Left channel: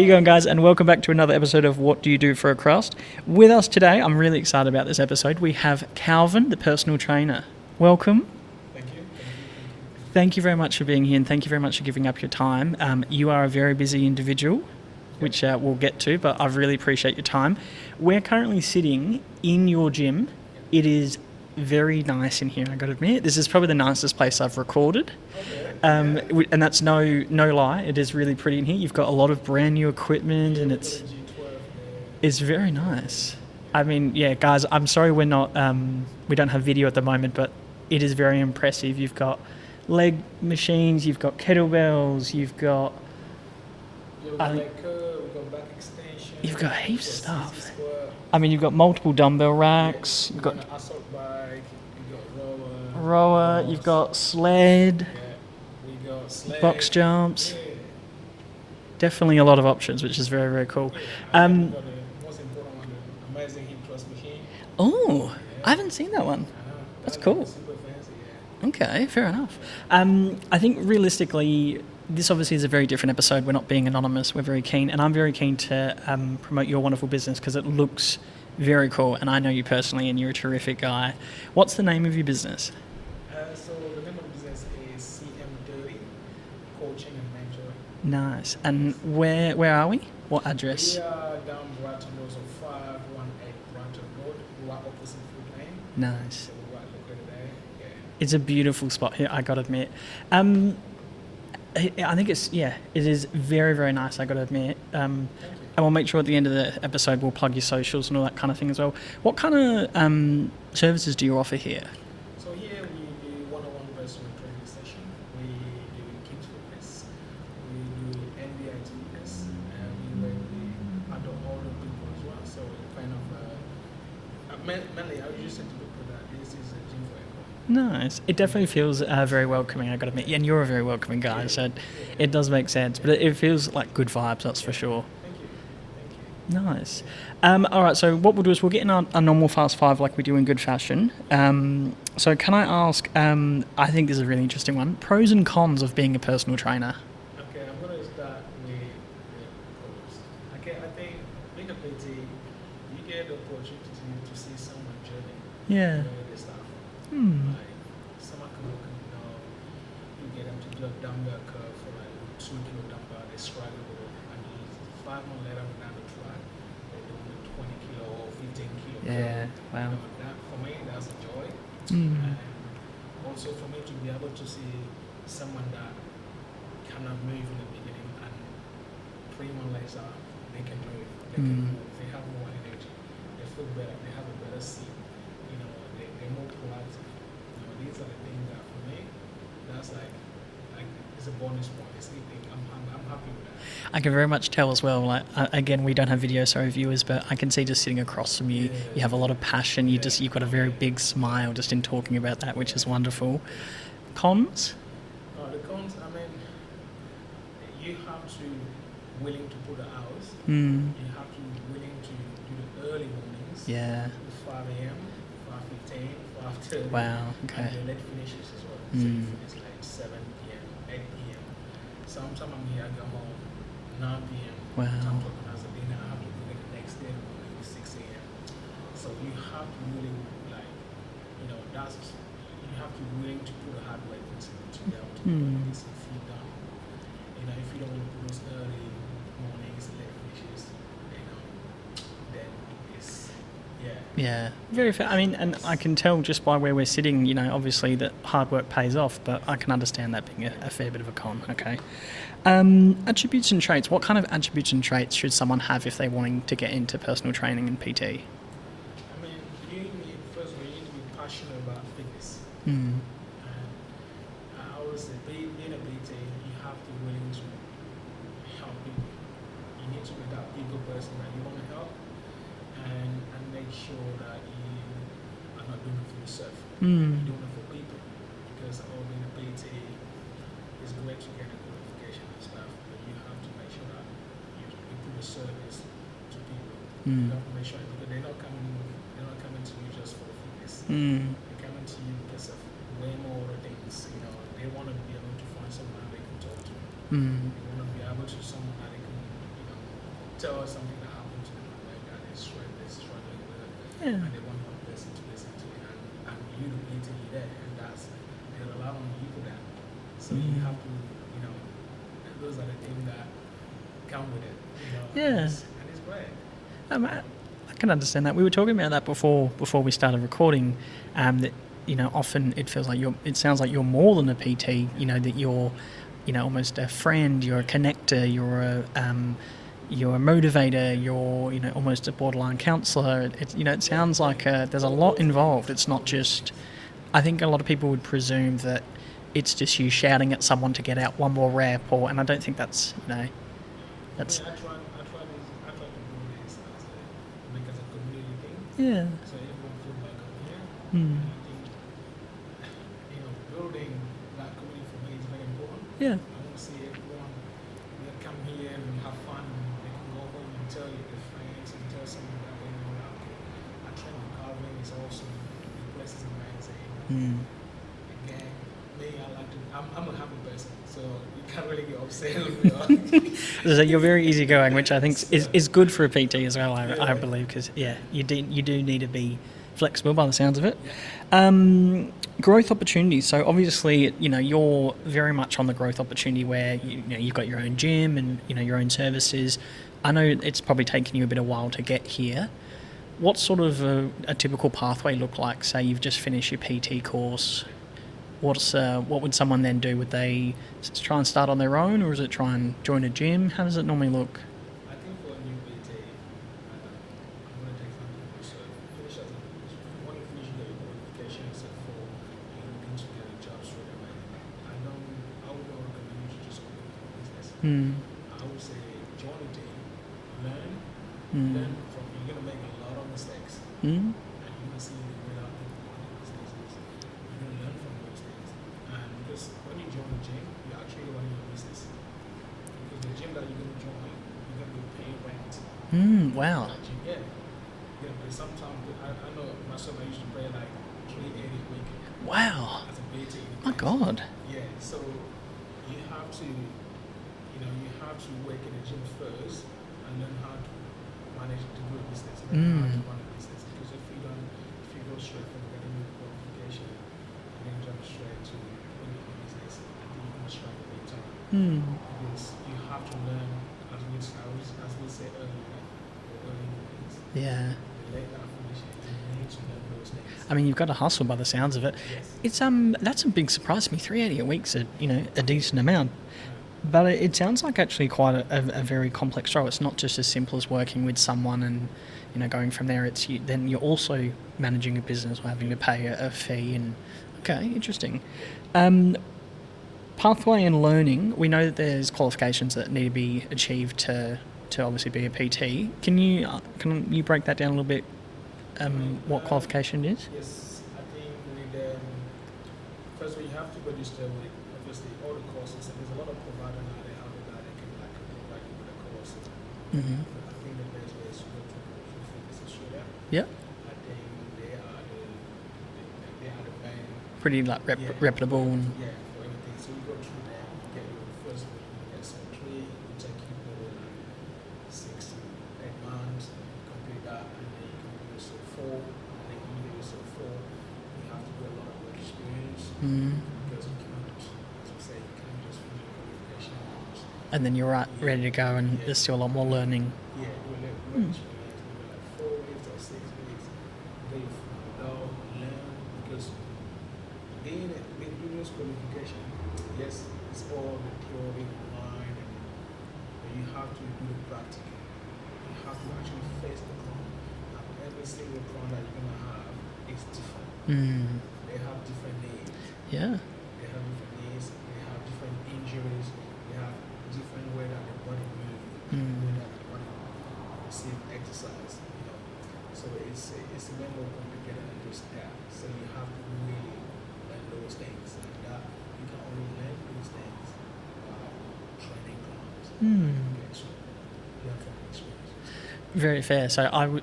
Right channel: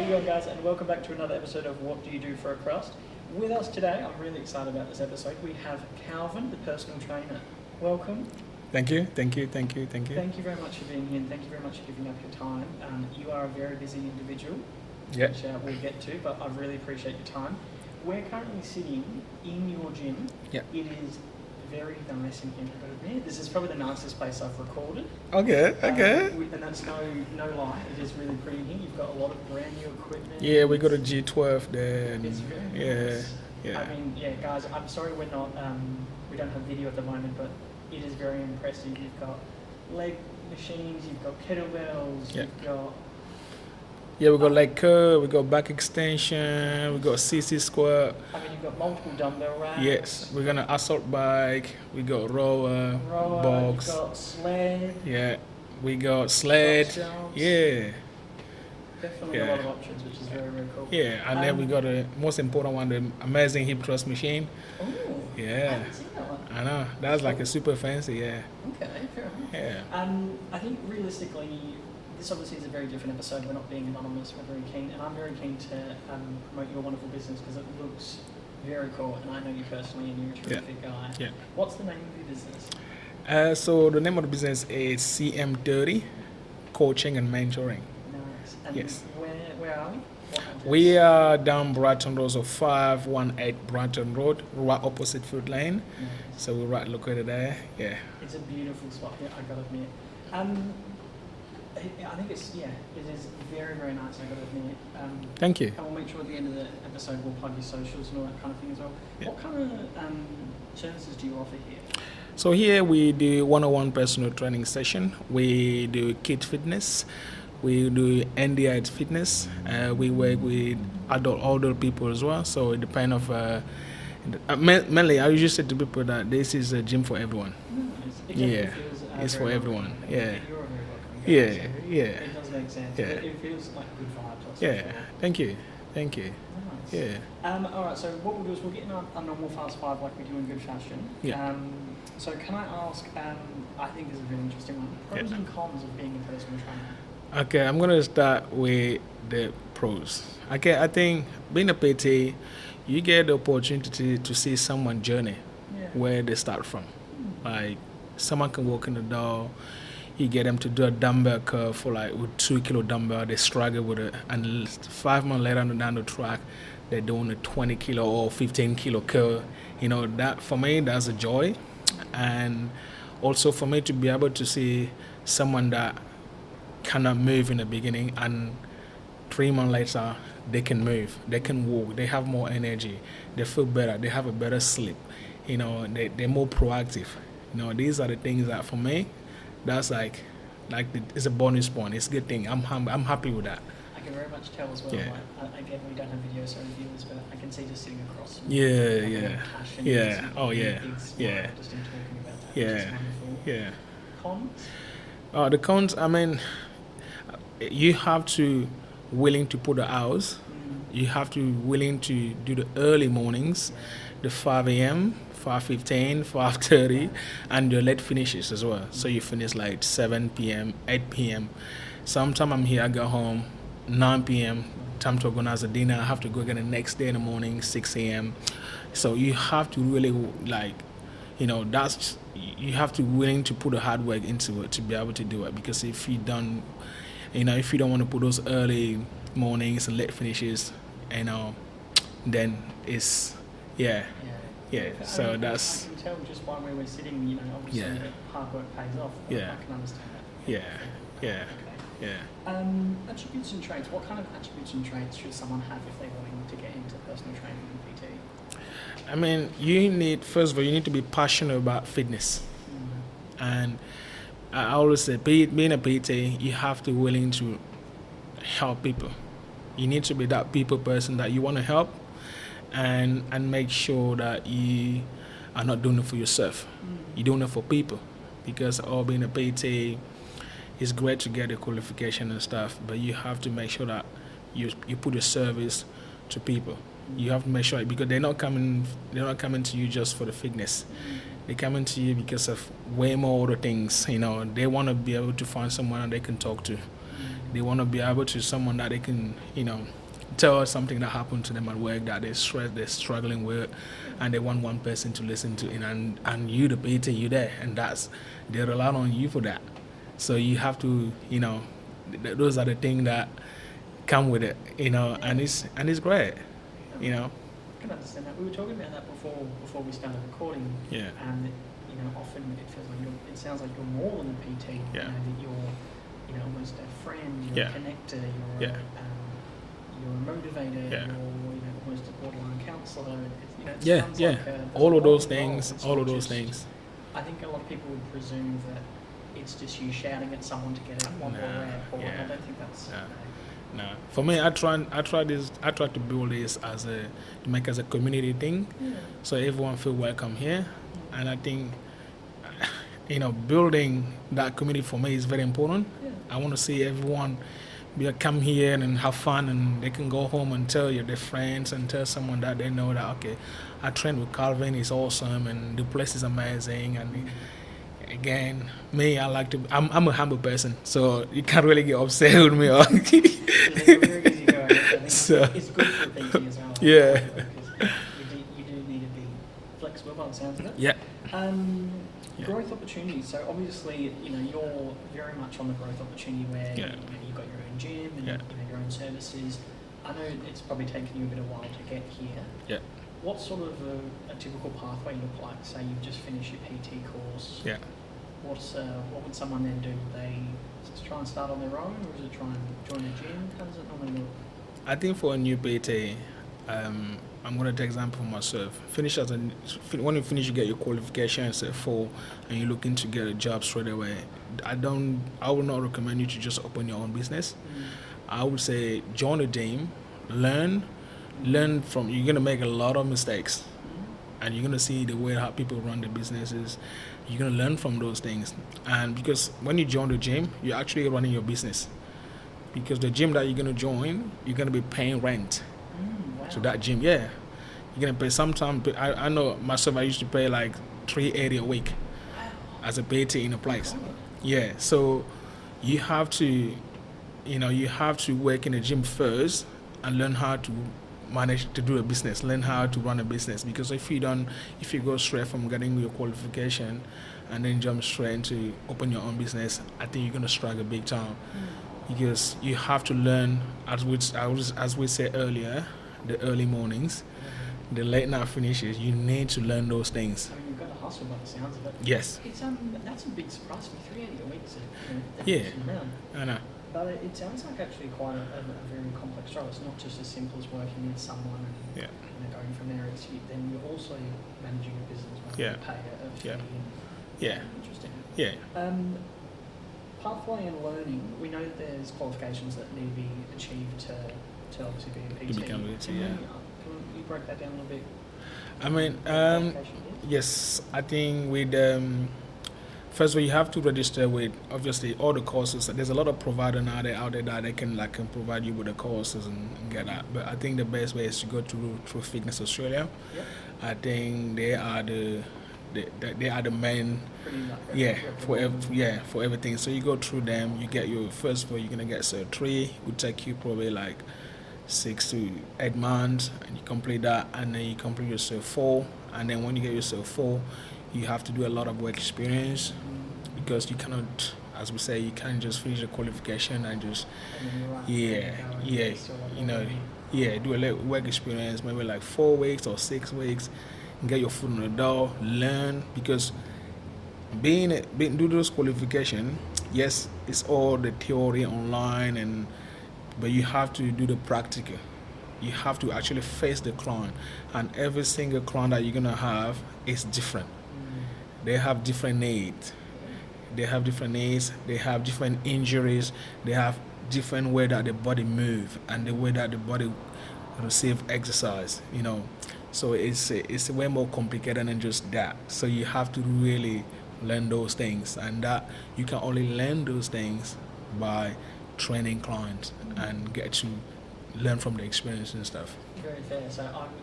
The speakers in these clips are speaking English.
you going, guys? And welcome back to another episode of What Do You Do for a Crust? With us today, I'm really excited about this episode. We have Calvin, the personal trainer. Welcome. Thank you. Thank you very much for being here, and thank you very much for giving up your time. You are a very busy individual, which we'll get to, but I really appreciate your time. We're currently sitting in your gym. Yep. It is very nice in here, I got to admit. This is probably the nicest place I've recorded. Okay. And that's no lie. It is really pretty in here. You've got a lot of brand new equipment. Yeah, we got a G12 there. It's very nice. Yeah. I mean, guys, I'm sorry we're not, we don't have video at the moment, but it is very impressive. You've got leg machines, you've got kettlebells, you've got... Yeah, we've got leg curl, we've got back extension, we've got CC squat. I mean, you've got multiple dumbbell racks. Yes, we've got an assault bike, we got rower, box. You've got sled. Yeah, we got sled. Box jumps. Yeah. Definitely a lot of options, which is very, very cool. Yeah, and then we got the most important one, the amazing hip thrust machine. Oh, yeah. I haven't seen that one. I know, that's cool. like a super fancy, yeah. Okay, fair enough. Yeah. I think realistically, this obviously is a very different episode. We're not being anonymous. We're very keen, and I'm very keen to promote your wonderful business because it looks very cool, and I know you personally, and you're a terrific guy. Yeah. What's the name of your business? So the name of the business is CM30, Coaching and Mentoring. Nice. And Yes. where are we? What address? We are down Brighton Rd, so 518 Brighton Rd, right opposite Food Lane. Nice. So we're right located there. Yeah. It's a beautiful spot here, I got to admit. I think it is very, very nice, I got to admit. Thank you. And we'll make sure at the end of the episode we'll plug your socials and all that kind of thing as well. Yeah. What kind of services do you offer here? So here we do one-on-one personal training session. We do kid fitness. We do NDI fitness. We work with older people as well. So it depends of... mainly, I usually say to people that this is a gym for everyone. Nice. It definitely feels very welcoming, I gotta admit. And you're a very welcoming guy, so it does make sense. Yeah. But it feels like good vibes, that's for sure. Thank you. Nice. Yeah. All right, so what we'll do is we'll get in a normal fast five like we do in good fashion. Yeah. So can I ask, I think this is a really interesting one, pros and cons of being a personal trainer? Okay, I'm going to start with the pros. Okay, I think being a PT, you get the opportunity to see someone's journey, where they start from. Like, someone can walk in the door, you get them to do a dumbbell curl for with 2 kilo dumbbell, they struggle with it, and 5 months later down the track, they're doing a 20 kilo or 15 kilo curl. Wow. You know, that for me, that's a joy. And also for me to be able to see someone that cannot move in the beginning, and 3 months later, they can move, they can walk, they have more energy, they feel better, they have a better sleep, you know, they're more proactive. You know, these are the things that for me, that's it's a bonus point. It's a good thing. I'm happy with that. I can very much tell as well. Yeah. Again, we don't have video, sorry viewers, but I can see just sitting across from you, you have a lot of passion. You've got a very big smile just in talking about that, which is wonderful. Yeah. Cons? The cons, I mean, you have to willing to put the hours. You have to willing to do the early mornings, the 5 a.m., 5:15, 5:30, and the late finishes as well. So you finish like 7 p.m., 8 p.m. Sometimes I'm here, I go home 9 p.m. Time to organize a dinner. I have to go again the next day in the morning, 6 a.m. So you have to really you have to willing to put the hard work into it to be able to do it. Because if you don't want to put those early mornings and late finishes, then it's very fair. I mean, and I can tell just by where we're sitting, obviously that hard work pays off, but I can understand that being a fair bit of a con. Okay. Attributes and traits. What kind of attributes and traits should someone have if they're wanting to get into personal training and PT? I mean, first of all, you need to be passionate about fitness. And I always say, being a PT, you have to be willing to help people. You need to be that people person that you want to help, and make sure that you are not doing it for yourself. You're doing it for people, because being a PT is great to get a qualification and stuff, but you have to make sure that you put a service to people. You have to make sure, because they're not coming to you just for the fitness. They're coming to you because of way more other things. They want to be able to find someone that they can talk to. They want to be able to someone that they can, tell us something that happened to them at work that they're struggling with, and they want one person to listen to, and you, the PT, you there, and they rely on you for that. So you have to, those are the things that come with it, and it's great. I can understand that. We were talking about that before we started recording. That often it feels like it sounds like you're more than a PT. That you're, almost a friend. You're a connector. You're a motivator. You're almost a borderline counsellor. It sounds like there's all a lot involved. It's not just. Things. I think a lot of people would presume that it's just you shouting at someone to get out one more rep, and I don't think that's no. For me, I try to build this to make as a community thing. So everyone feel welcome here, and I think building that community for me is very important. I want to see everyone come here and have fun, and they can go home and tell their friends and tell someone that they know that I trained with Calvin, he's awesome, and the place is amazing. And again, me, I'm a humble person, so you can't really get upset with me. You're very easygoing, which I think is good for a PT as well. I believe, because you do need to be flexible by the sounds of it. Growth opportunities. So obviously, you're very much on the growth opportunity where you've got your own gym and your own services. I know it's probably taken you a bit of while to get here. What sort of a typical pathway look like? Say you've just finished your PT course. What would someone then do? Would they try and start on their own, or is it try and join a gym? How does it normally look? I think for a new PT, I'm going to take example of myself. When you finish, you get your qualifications at 4, and you're looking to get a job straight away. I would not recommend you to just open your own business. I would say join a gym, learn from. You're going to make a lot of mistakes, and you're going to see the way how people run their businesses. You're going to learn from those things, and because when you join the gym, you're actually running your business. Because the gym that you're going to join, you're going to be paying rent. Wow. To that gym, you're gonna pay sometimes. I know myself. I used to pay like $380 a week. Wow. As a PT in a place. Oh God. So you have to, work in the gym first and learn how to manage to do a business. Learn how to run a business, because if you go straight from getting your qualification and then jump straight into open your own business, I think you're gonna struggle big time. Because you have to learn, as we said earlier, the early mornings, the late night finishes. You need to learn those things. I mean, you've got to hustle by the sounds of it. Yes. It's that's a big surprise to me. $380 a week's a decent amount. I know. But it sounds like actually quite a very complex role. It's not just as simple as working with someone and going from there. It's then you're also managing a business, having to pay a fee and. Okay, interesting. Pathway and learning. We know that there's qualifications that need to be achieved to obviously be a PT. Can you break that down a little bit? What qualification is? Yes, I think with first of all, you have to register with obviously all the courses. There's a lot of providers out there that they can provide you with the courses and get that. But I think the best way is to go through Fitness Australia. I think they are the main, pretty reputable. For everything. So you go through them. You get your first of all, you're gonna get Cert 3. It would take you probably like 6 to 8 months, and you complete that, and then you complete your Cert 4. And then when you get your Cert 4, you have to do a lot of work experience, because you cannot, as we say, you can't just finish the qualification and then you're ready to go, and there's still a lot more learning. Do a little work experience, maybe like 4 weeks or 6 weeks. Get your foot in the door, learn, because do those qualifications, yes, it's all the theory online, but you have to do the practical. You have to actually face the client, and every single client that you're gonna have is different. They have different needs. They have different needs. They have different injuries. They have different way that the body move and the way that the body receive exercise. So it's way more complicated than just that. So you have to really learn those things, and that you can only learn those things by training clients and get to learn from the experience and stuff. Very fair. So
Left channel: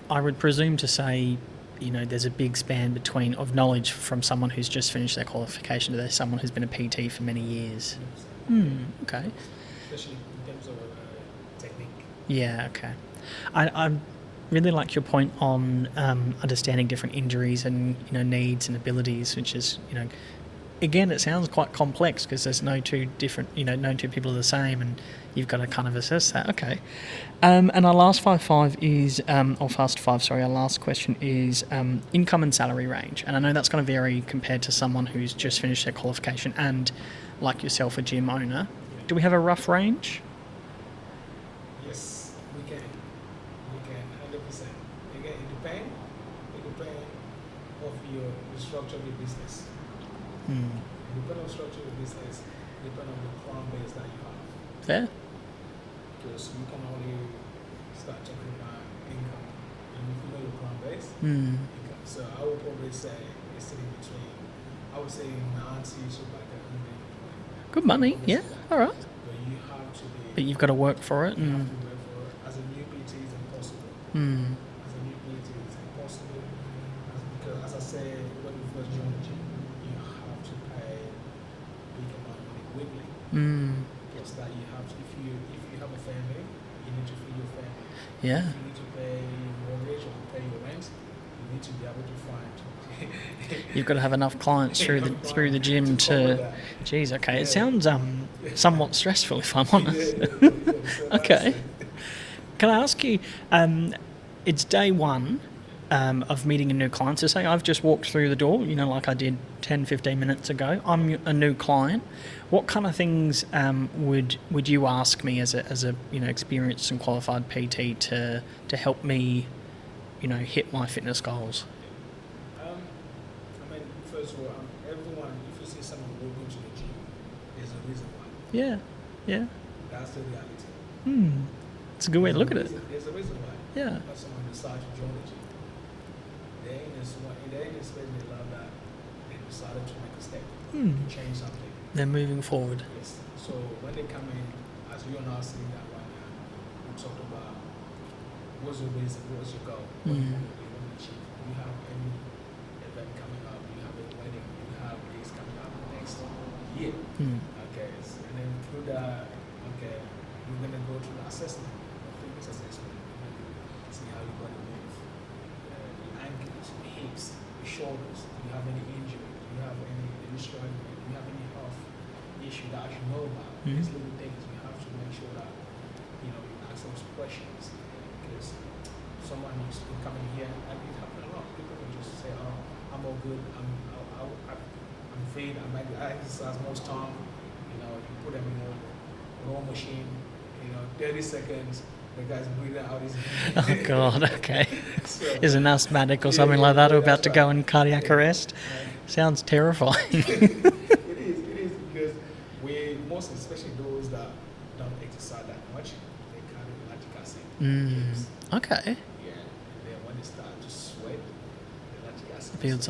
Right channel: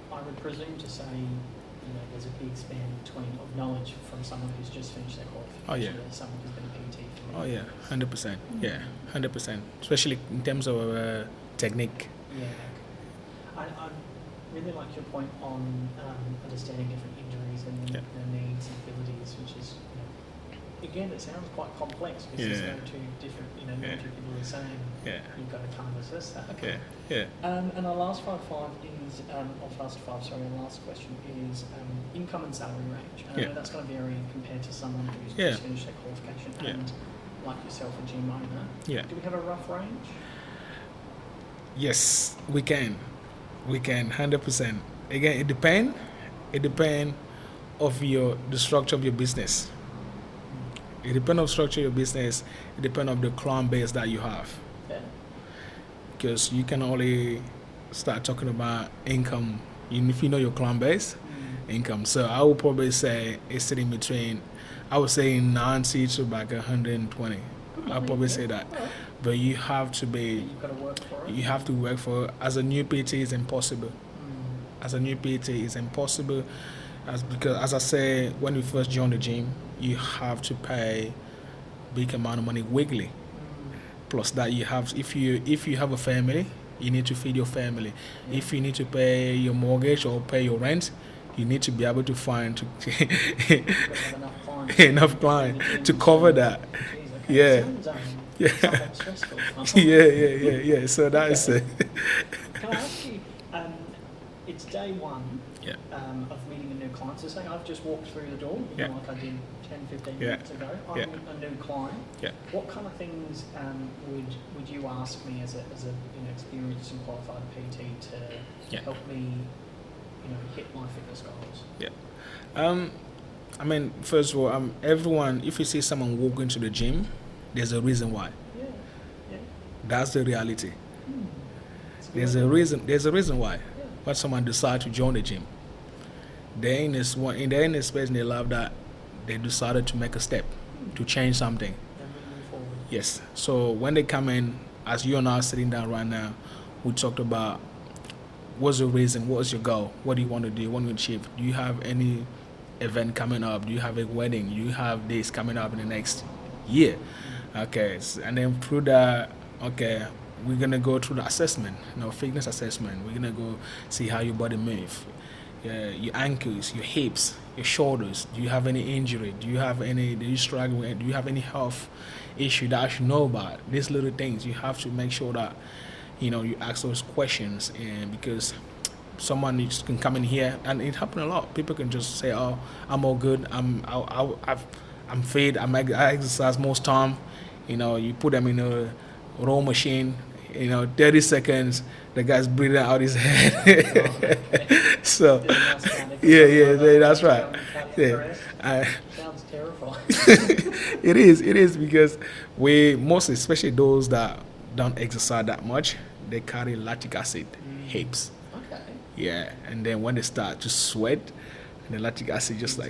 I would presume to say there's a big span of knowledge from someone who's just finished their qualification to someone who's been a PT for many years. 100%. Okay. 100%. Especially in terms of technique. Yeah, okay. I really like your point on understanding different injuries and needs and abilities, which is again, it sounds quite complex because there's no two different, no two people are the same, and you've got to kind of assess that. Okay. And our last our last question is income and salary range. And I know that's going to vary compared to someone who's just finished their qualification and, like yourself, a gym owner. Yeah. Do we have a rough range? Yes, we can. 100%. Again, it depends of the structure of your business. It depends on the structure of your business. It depends on the client base that you have. Fair. Because you can only start talking about income if you know your client base, income. So I would probably say it's sitting between, I would say 90 to like 120. Good money. I'll probably say that. All right. But you have to be... But you've got to work for it. You have to work for it. As a new PT, it's impossible. As a new PT, it's impossible. Because as I say, when you first join the gym, you have to pay big amount of money weekly. Plus that you have, if you have a family, you need to feed your family. Yeah. If you need to pay your mortgage or pay your rent, you need to be able to find... You've got to have enough clients through the gym to cover that. Geez, okay. It sounds somewhat stressful, if I'm honest. Yeah. So that's it. Can I ask you, it's day one of meeting a new client. So say I've just walked through the door, like I did 10, 15 minutes ago. I'm a new client. Yeah. What kind of things would you ask me as a experienced and qualified PT to help me hit my fitness goals? First of all, everyone, if you see someone walk into the gym, there's a reason why. Yeah. That's the reality. It's a good way to look at it. There's a reason why. Yeah. Why someone decide to join the gym. They're in this space in their life that they decided to make a step to change something. They're moving forward. Yes. So when they come in, as you and I are sitting down right now, we talked about what's the reason, what's your goal, what do you want to do, what do you want to achieve? Do you have any event coming up? Do you have a wedding? Do you have this coming up in the next year? Okay. And then through that, we're going to go through the assessment, fitness assessment. We're going to go see how your body moves. Your ankles, your hips, your shoulders. Do you have any injury? Do you struggle with? Do you have any health issue that I should know about? These little things, you have to make sure that, you ask those questions, and because someone can come in here, and it happens a lot. People can just say, "Oh, I'm all good. I'm fit. I exercise most time." You put them in a row machine. 30 seconds. The guy's breathing out his head. Oh God! Okay. So is an asthmatic or something like that about to go in cardiac arrest? Sounds terrifying. It is because most, especially those that don't exercise that much, they carry lactic acid heaps. Okay. Yeah, and then when they start to sweat, the lactic acid just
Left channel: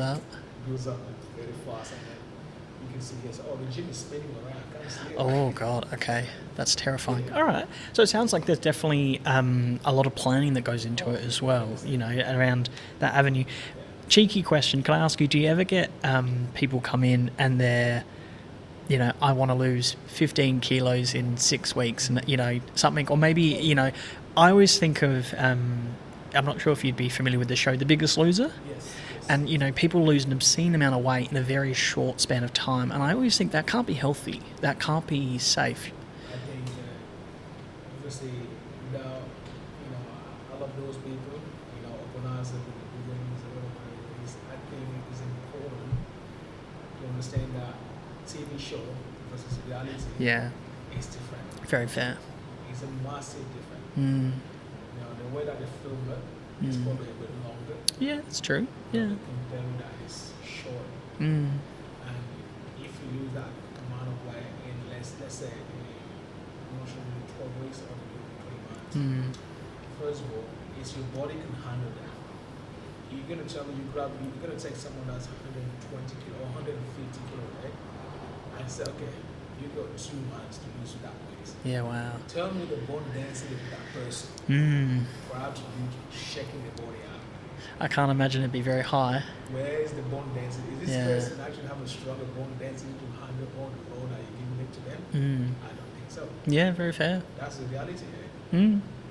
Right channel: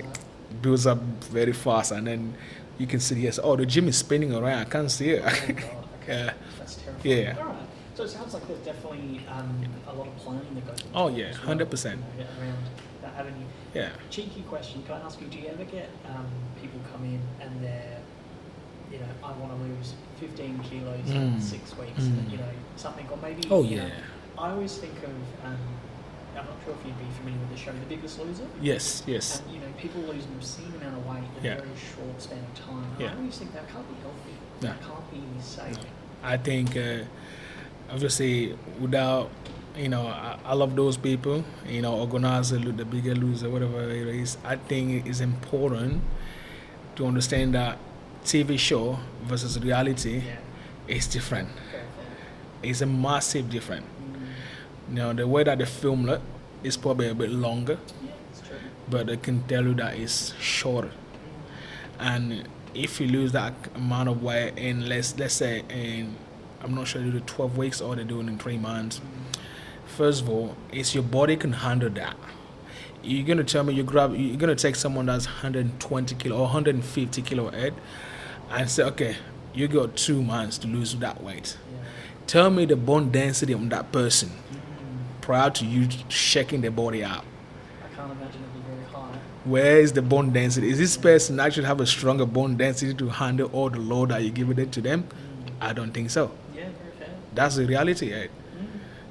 builds up very fast, and then you can see, the gym is spinning around. I can't see it. Oh, God. Okay. That's terrifying. Yeah. All right. So it sounds like there's definitely a lot of planning that goes into it as well. 100%. Around that avenue. Yeah. Cheeky question. Can I ask you, do you ever get people come in and they're, I want to lose 15 kilos in 6 weeks and, something, or maybe, I always think of... I'm not sure if you'd be familiar with the show The Biggest Loser. Yes. And, people lose an obscene amount of weight in a very short span of time. And I always think that can't be healthy. That can't be safe. I think, obviously, without, I love those people, organizer, the Bigger Loser, whatever it is. I think it is important to understand that TV show versus reality is different. Very fair. It's a massive difference. The way that they film it is probably a bit longer. Yeah, it's true. But they can tell you that it's shorter. And if you lose that amount of weight in, let's say, I'm not sure they do 12 weeks or they do it in 3 months. First of all, it's your body can handle that. You're going to tell me you're going to take someone that's 120 kilo or 150 kilo head and say, okay, you got 2 months to lose that weight. Yeah, wow. Tell me the bone density of that person prior to you checking their body out. I can't imagine it'd be very high. Where is the bone density? Is this person actually have a stronger bone density to handle all the load that you give it to them? I don't think so. Yeah, very fair. That's the reality, right?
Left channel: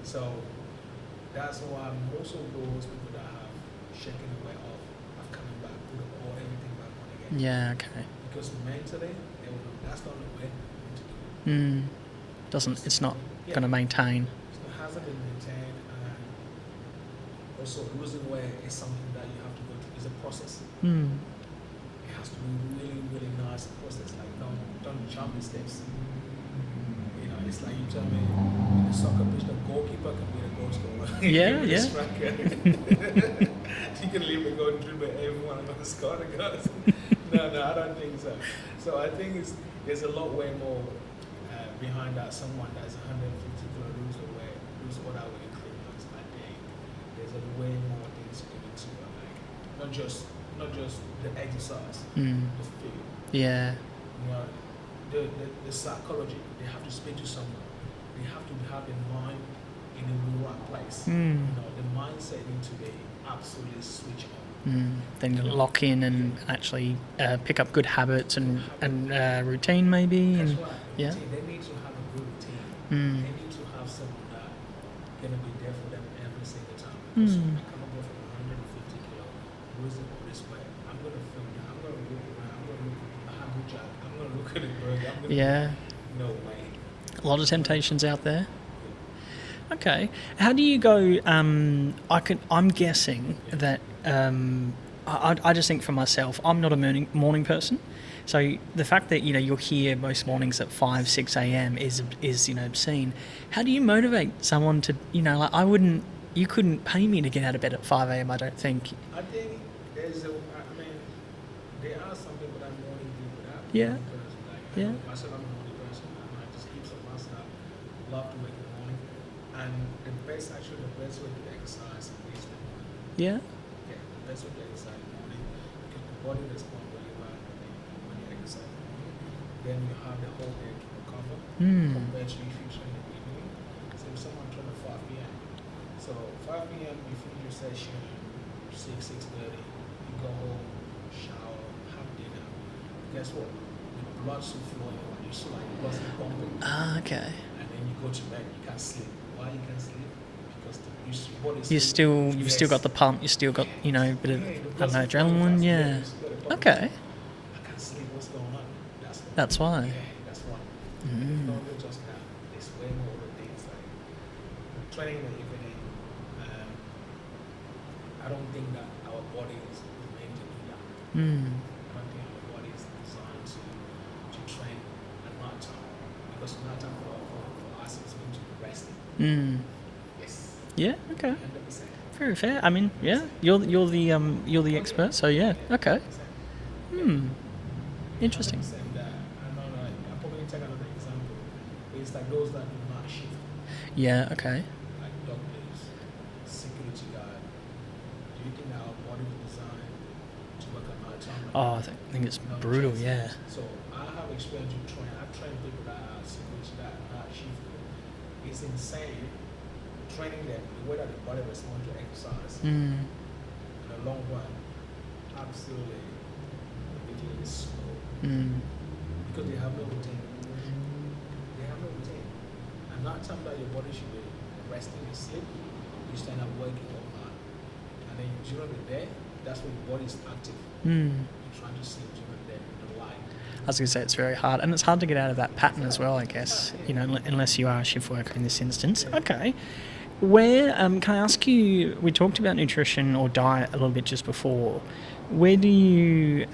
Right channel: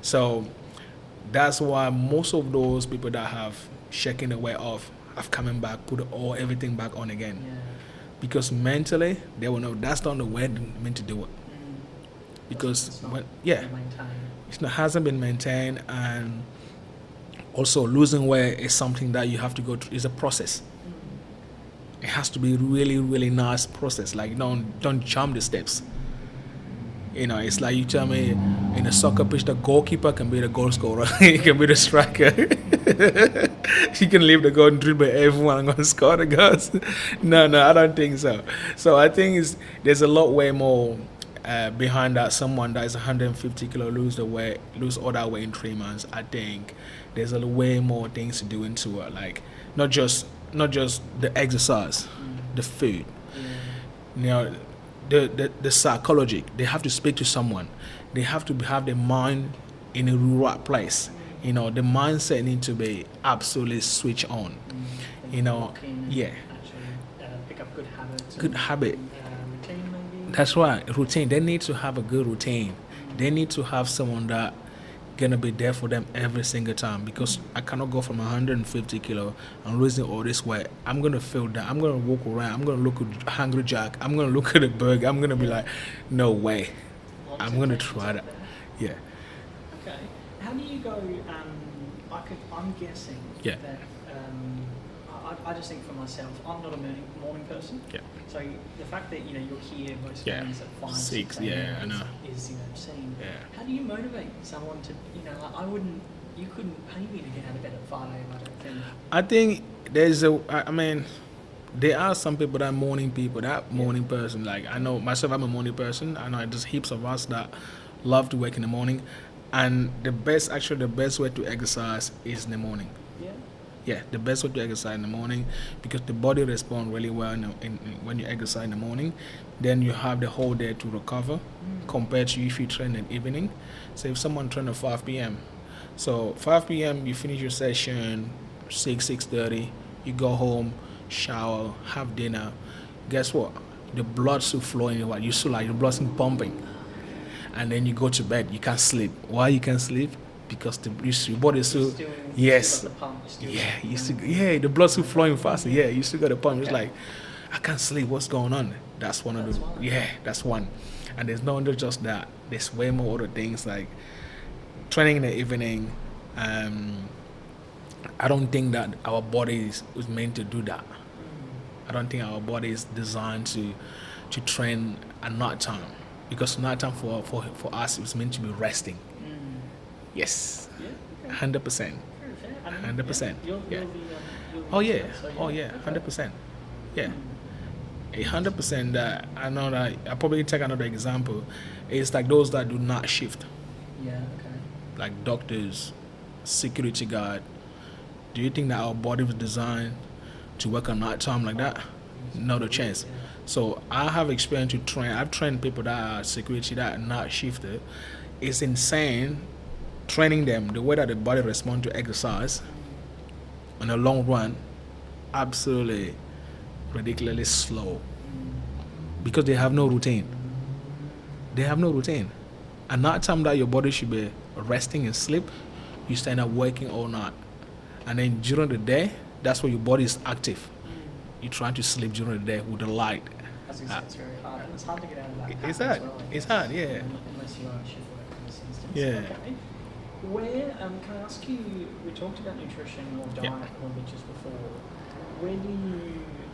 So that's why most of those people that have shaken the weight off have coming back, put everything back on again. Yeah, okay. Because mentally, they will know that's not the way they're meant to do it. Because it's not going to maintain. Hasn't been maintained, and also losing weight is something that you have to go through. It's a process. It has to be really, really nice process. Like don't jump the steps. It's like you tell me in a soccer pitch, the goalkeeper can be the goal scorer. He can be the striker. He can leave the goal and dribble everyone and go and score the goals. No, I don't think so. So I think there's a lot way more behind that. Someone that is 150 kilo lose all that weight in 3 months. I think there's a way more things to do into it. Like not just the exercise, the food. Yeah. The psychology, they have to speak to someone. They have to have their mind in a right place. The mindset needs to be absolutely switch on. Then you lock in and actually pick up good habits and routine maybe. That's right, routine. They need to have a good routine. They need to have someone that gonna be there for them every single time, because I cannot go from 150 kilo and losing all this weight. I'm gonna feel that. I'm gonna walk around. I'm gonna look at Hungry Jack. I'm gonna look at a burger. I'm gonna be like, no way. A lot of temptations out there. Yeah. Okay. How do you go? I'm guessing that. I just think for myself, I'm not a morning person. Yeah. So the fact that you're here most mornings at 6 a.m. is obscene. Yeah. How do you motivate someone to you couldn't pay me to get out of bed at 5 a.m. I don't think. I think there are some people that are morning people, morning person. Like I know myself, I'm a morning person. I know there's heaps of us that love to wake in the morning, and the best way to exercise is in the morning. Yeah. Yeah, the best way to exercise in the morning, because the body responds really well when you exercise in the morning. Then you have the whole day to recover compared to if you train in the evening. So if someone trains at 5 p.m., so 5 p.m. you finish your session, 6:30, you go home, shower, have dinner. Guess what? The blood still flowing. You still like the blood still pumping. Okay. And then you go to bed. You can't sleep. Why you can't sleep? Because your body is still... You still got the pump. You still got, the blood's still flowing fast. Yeah, you still got the pump. Okay. Like, I can't sleep. What's going on? That's one. That's why. Yeah, that's one. And there's not just that. There's way more other things like training in the evening. I don't think that our body is meant to do that. I don't think our body is designed to train at night time, because night time for us is meant to be resting. Yes. Yeah. Okay. 100%. Very fair. I mean, 100%. You're the expert. So okay. 100%. Yeah. 100%. That I know that I'll probably take another example. It's like those that do not shift. Yeah. Okay. Like doctors, security guard. Do you think that our body was designed to work at night time like that? I think it's not a chance. Yeah. So I have experience to train. I've trained people that are security that are not shifted. It's insane. Training them, the way that the body responds to exercise in the long run, absolutely ridiculously slow, because they have no routine. And that time that your body should be resting and sleep, you stand up working all night, and then during the day, that's where your body is active. You're trying to sleep during the day with the light. I was going to say, it's very hard, and it's hard to get out of that pattern as well, I guess. It's hard, unless you are a shift worker in this instance. Yeah. Okay. Where can I ask you? We talked about nutrition or diet a little bit just before. Where do you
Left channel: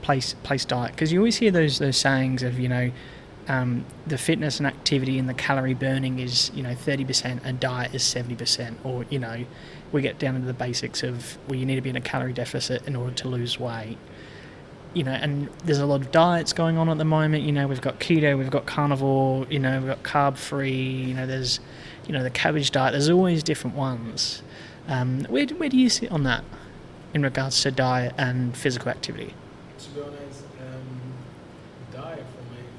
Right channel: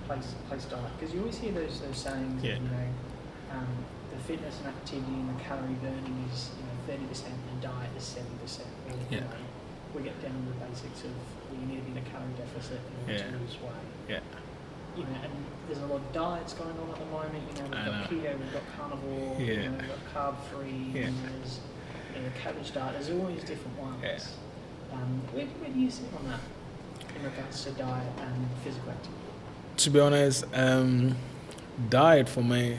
place diet? Because you always hear those sayings of the fitness and activity and the calorie burning is 30% and diet is 70%, or we get down to the basics of you need to be in a calorie deficit in order to lose weight. And there's a lot of diets going on at the moment. We've got keto, we've got carnivore, we've got carb free. There's the cabbage diet. There's always different ones. Where do you sit on that in regards to diet and physical activity? To be honest, diet for me,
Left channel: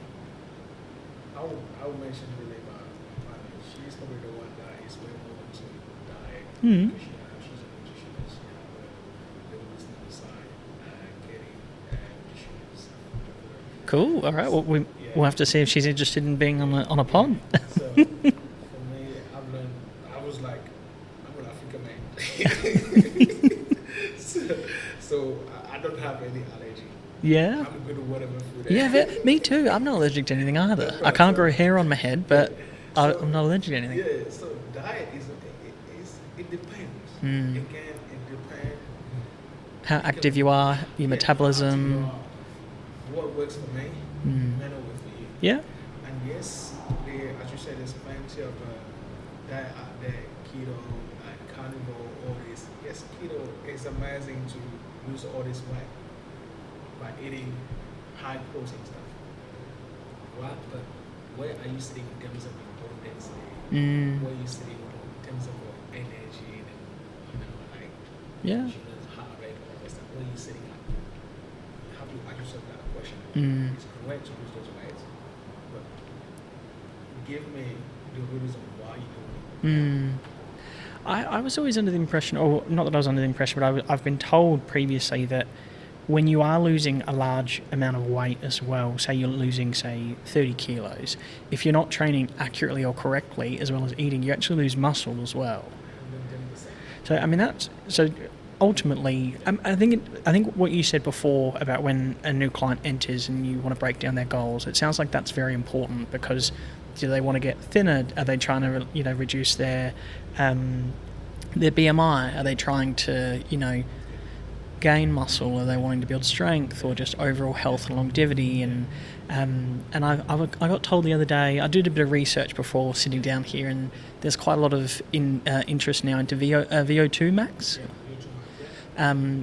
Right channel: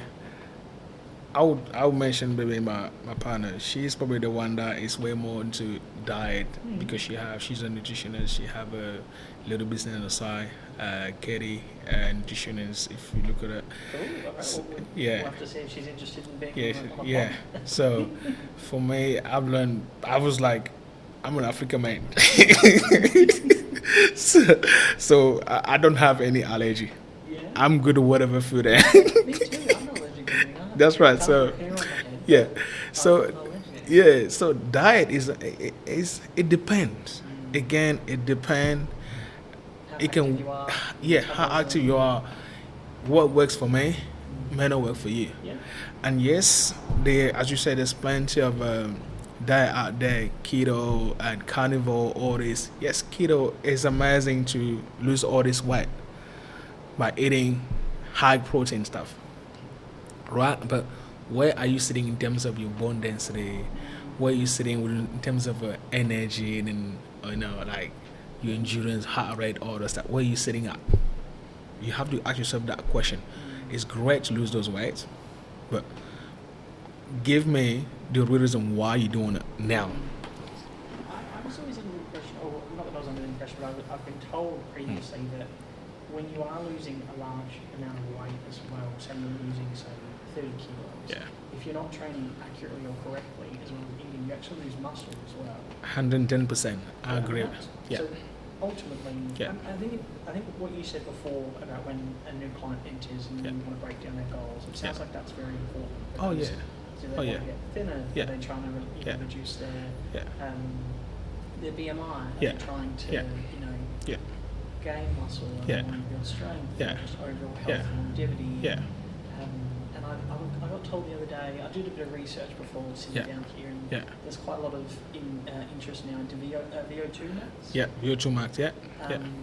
I would mention maybe my partner. She's probably the one that is way more into diet because she's a nutritionist. She have a little business on the side. Katie, nutritionist. If you look at it. Cool. All right. Well, we'll have to see if she's interested in being on a pod. So, for me, I've learned. I was like, I'm an African man, so I don't have any allergy. Yeah. I'm good at whatever food. Me too. I'm not allergic to anything either. That's right. I can't grow hair on my head, but I'm not allergic to anything. Yeah. So diet it depends. Again, it depends. How active you are, your metabolism. How active you are. What works for me may not work for you. Yeah. And yes, as you said, there's plenty of diet out there, keto and carnivore, all this. Yes, keto is amazing to lose all this weight by eating high protein stuff, right? But where are you sitting in terms of your bone density? Where are you sitting in terms of energy and like your endurance, heart rate, all that stuff? Where are you sitting at? You have to ask yourself that question. It's great to lose those weights, but give me the reason why you're doing it now. I was always under the impression, or not that I was under the impression, but I've been told previously that when you are losing a large amount of weight as well, say you're losing, 30 kilos, if you're not training accurately or correctly, as well as eating, you actually lose muscle as well. 110%. So, I mean, that's... So ultimately, I think what you said before about when a new client enters and you want to break down their goals, it sounds like that's very important because do they want to get thinner? Are they trying to reduce their BMI? Are they trying to gain muscle? Are they wanting to build strength or just overall health and longevity? And I got told the other day, I did a bit of research before sitting down here, and there's quite a lot of interest now into VO2 max. Yeah, VO2 max,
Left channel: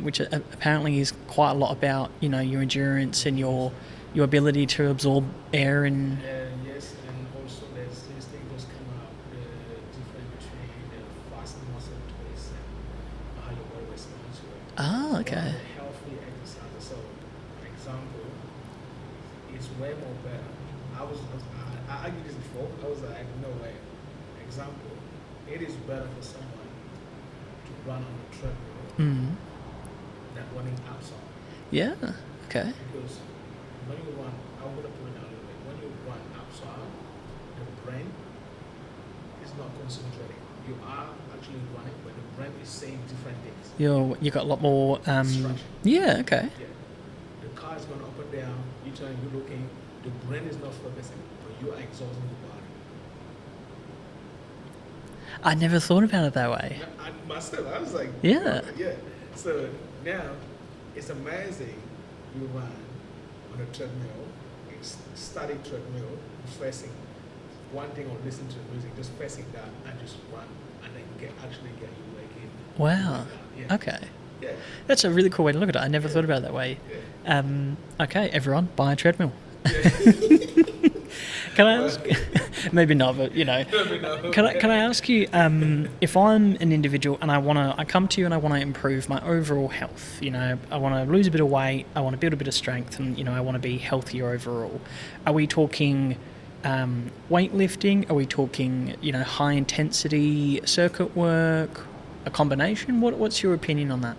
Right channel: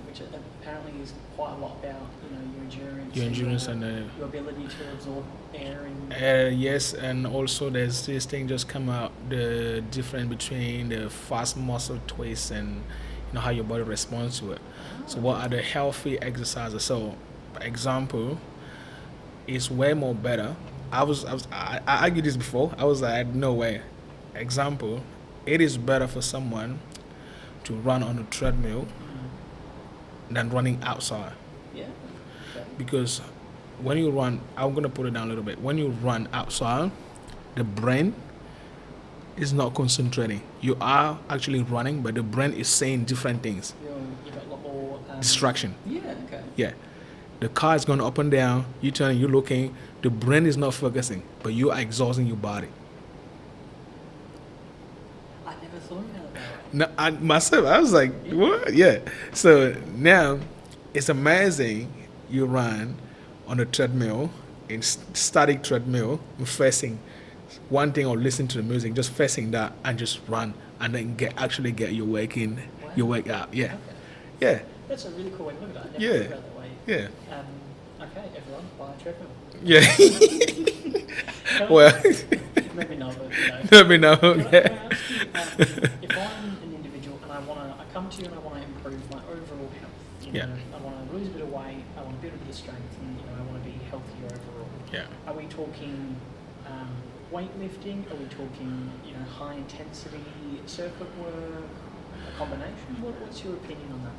which apparently is quite a lot about your endurance and your ability to absorb air and yes, and also there's this thing just come out, the difference between the fast muscle twist and how your body responds to it. What are the healthy exercises? So, for example, it's way more better. I argued this before. I was like, no way. Example, it is better for someone to run on a treadmill than running outside. Yeah. Okay. Because when you run, I'm gonna put it down a little bit. When you run outside, the brain is not concentrating. You are actually running, but the brain is saying different things. You got a lot more distraction. Yeah. Okay. Yeah. The car is going up and down. You turning, you're looking. The brain is not focusing, but you are exhausting your body. I never thought about it that way. No, I was like, what? Yeah. So now, it's amazing. You run on a treadmill, in static treadmill, facing one thing or listen to the music, just facing that and just run, and then get your wake in. Wow. Your wake out. Yeah. Okay. Yeah. That's a really cool way to look at it. I never thought about it that way. Yeah. Okay, everyone, buy a treadmill. Yeah. Maybe not, but Maybe not. Can I ask you, if I'm an individual and I come to you and I want to improve my overall health, I want to lose a bit of weight, I want to build a bit of strength, and I want to be healthier overall. Yeah. Are we talking weightlifting? Are we talking high intensity circuit work? A combination? What's your opinion on that?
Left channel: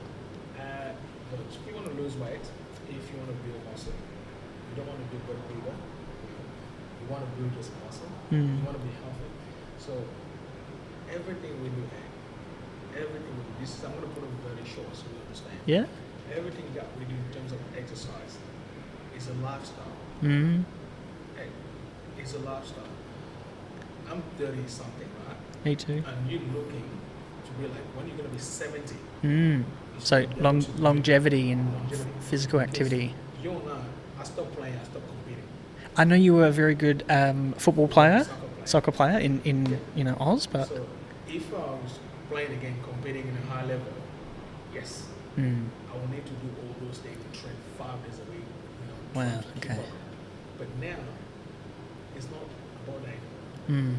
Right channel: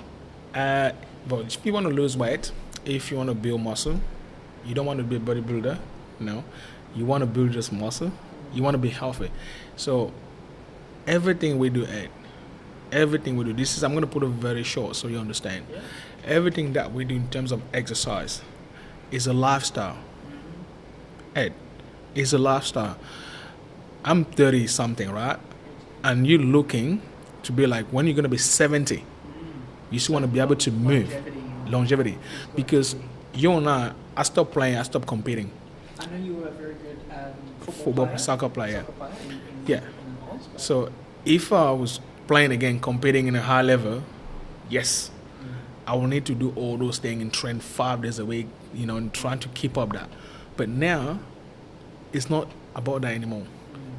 But if you want to lose weight, if you want to build muscle, you don't want to be a bodybuilder, you want to build just muscle, you want to be healthy. So everything we do, this is, I'm going to put it very short so you understand. Yeah. Everything that we do in terms of exercise is a lifestyle. Ed, it's a lifestyle. I'm 30 something, right? Me too. And you're looking to be like, when you're going to be 70, you still want to be able to move. Longevity. Physical because activity. You and I stopped playing, I stopped competing. I know you were a very good football player. Soccer player in Oz. But so if I was playing again, competing in a high level, yes, I will need to do all those things and train 5 days a week, and trying to keep up that. But now, it's not about that anymore.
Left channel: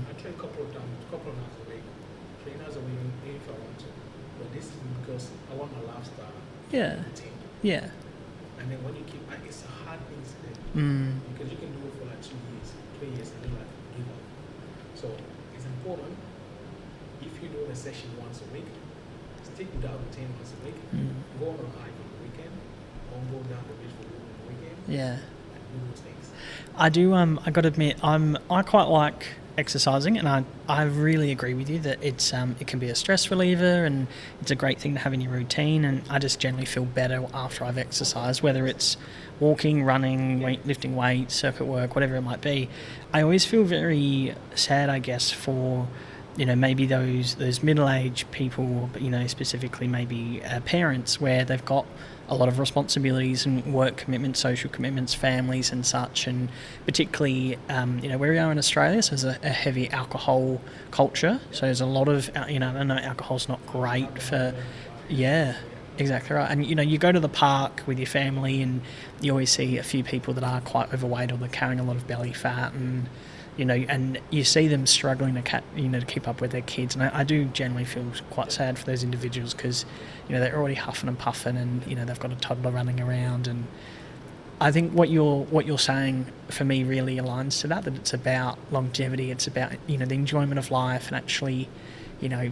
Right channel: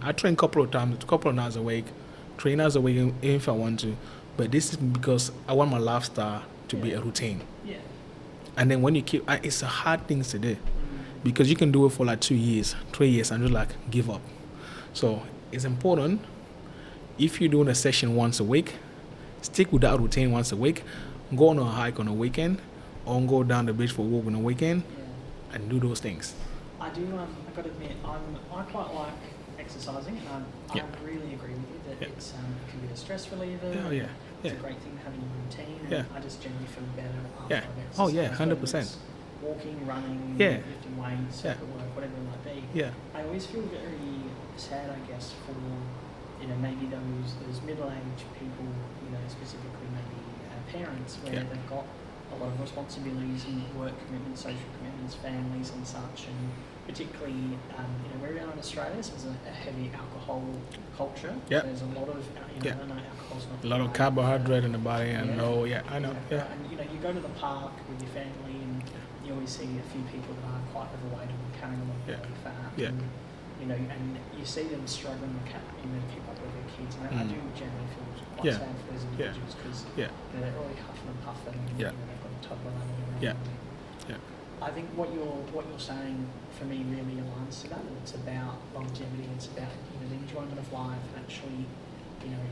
I train a couple of hours a week, 3 hours a week if I want to, but this is because I want my lifestyle to be a routine. Yeah. And then when you keep, it's a hard thing to do because you can do it for like 2 years, 3 years, and just like give up. So it's important if you're doing a session once a week, stick with that routine once a week. Go on a hike on a weekend, or go down the beach for a walk on a weekend. Yeah. And do those things. I do. I got to admit, I quite like exercising, and I really agree with you that it's it can be a stress reliever, and it's a great thing to have in your routine. And I just generally feel better after I've exercised, whether it's walking, running, lifting weights, circuit work, whatever it might be. Yeah. I always feel very sad, I guess, for maybe those middle-aged people, but specifically maybe parents, where they've got a lot of responsibilities and work commitments, social commitments, families and such, and particularly where we are in Australia, so there's a heavy alcohol culture. So there's a lot of I know alcohol's not great for carbohydrate in the body. Exactly right. And you go to the park with your family, and you always see a few people that are quite overweight, or they're carrying a lot of belly fat, and and you see them struggling to keep up with their kids, and I do generally feel quite sad for those individuals, because they're already huffing and puffing, and they've got a toddler running around, and I think what you're saying for me really aligns to that it's about longevity, it's about the enjoyment of life, and actually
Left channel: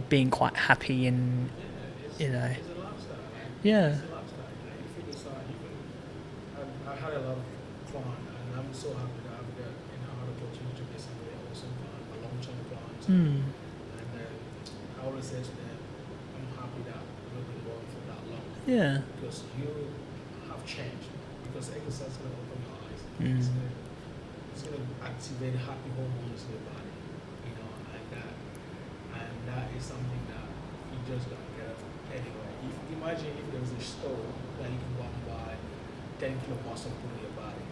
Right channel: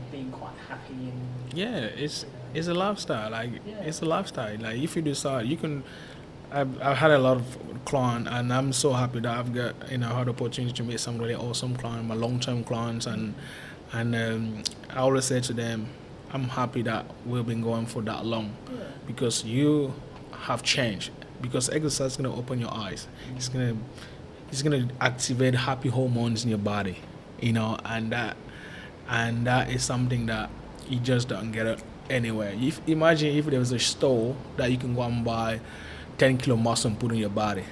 being quite happy, and it's a lifestyle. It's a lifestyle. Like, if you decide, you can. I've had a lot of clients, and I'm so happy that I've got had the opportunity to meet some really awesome clients, my long-term clients, and I always say to them, I'm happy that we've been going for that long. Yeah. Because you have changed. Because exercise is gonna open your eyes. It's gonna activate happy hormones in your body, and that is something that you just don't get it anywhere. Imagine if there was a store that you can go and buy 10 kilo muscle and put in your body.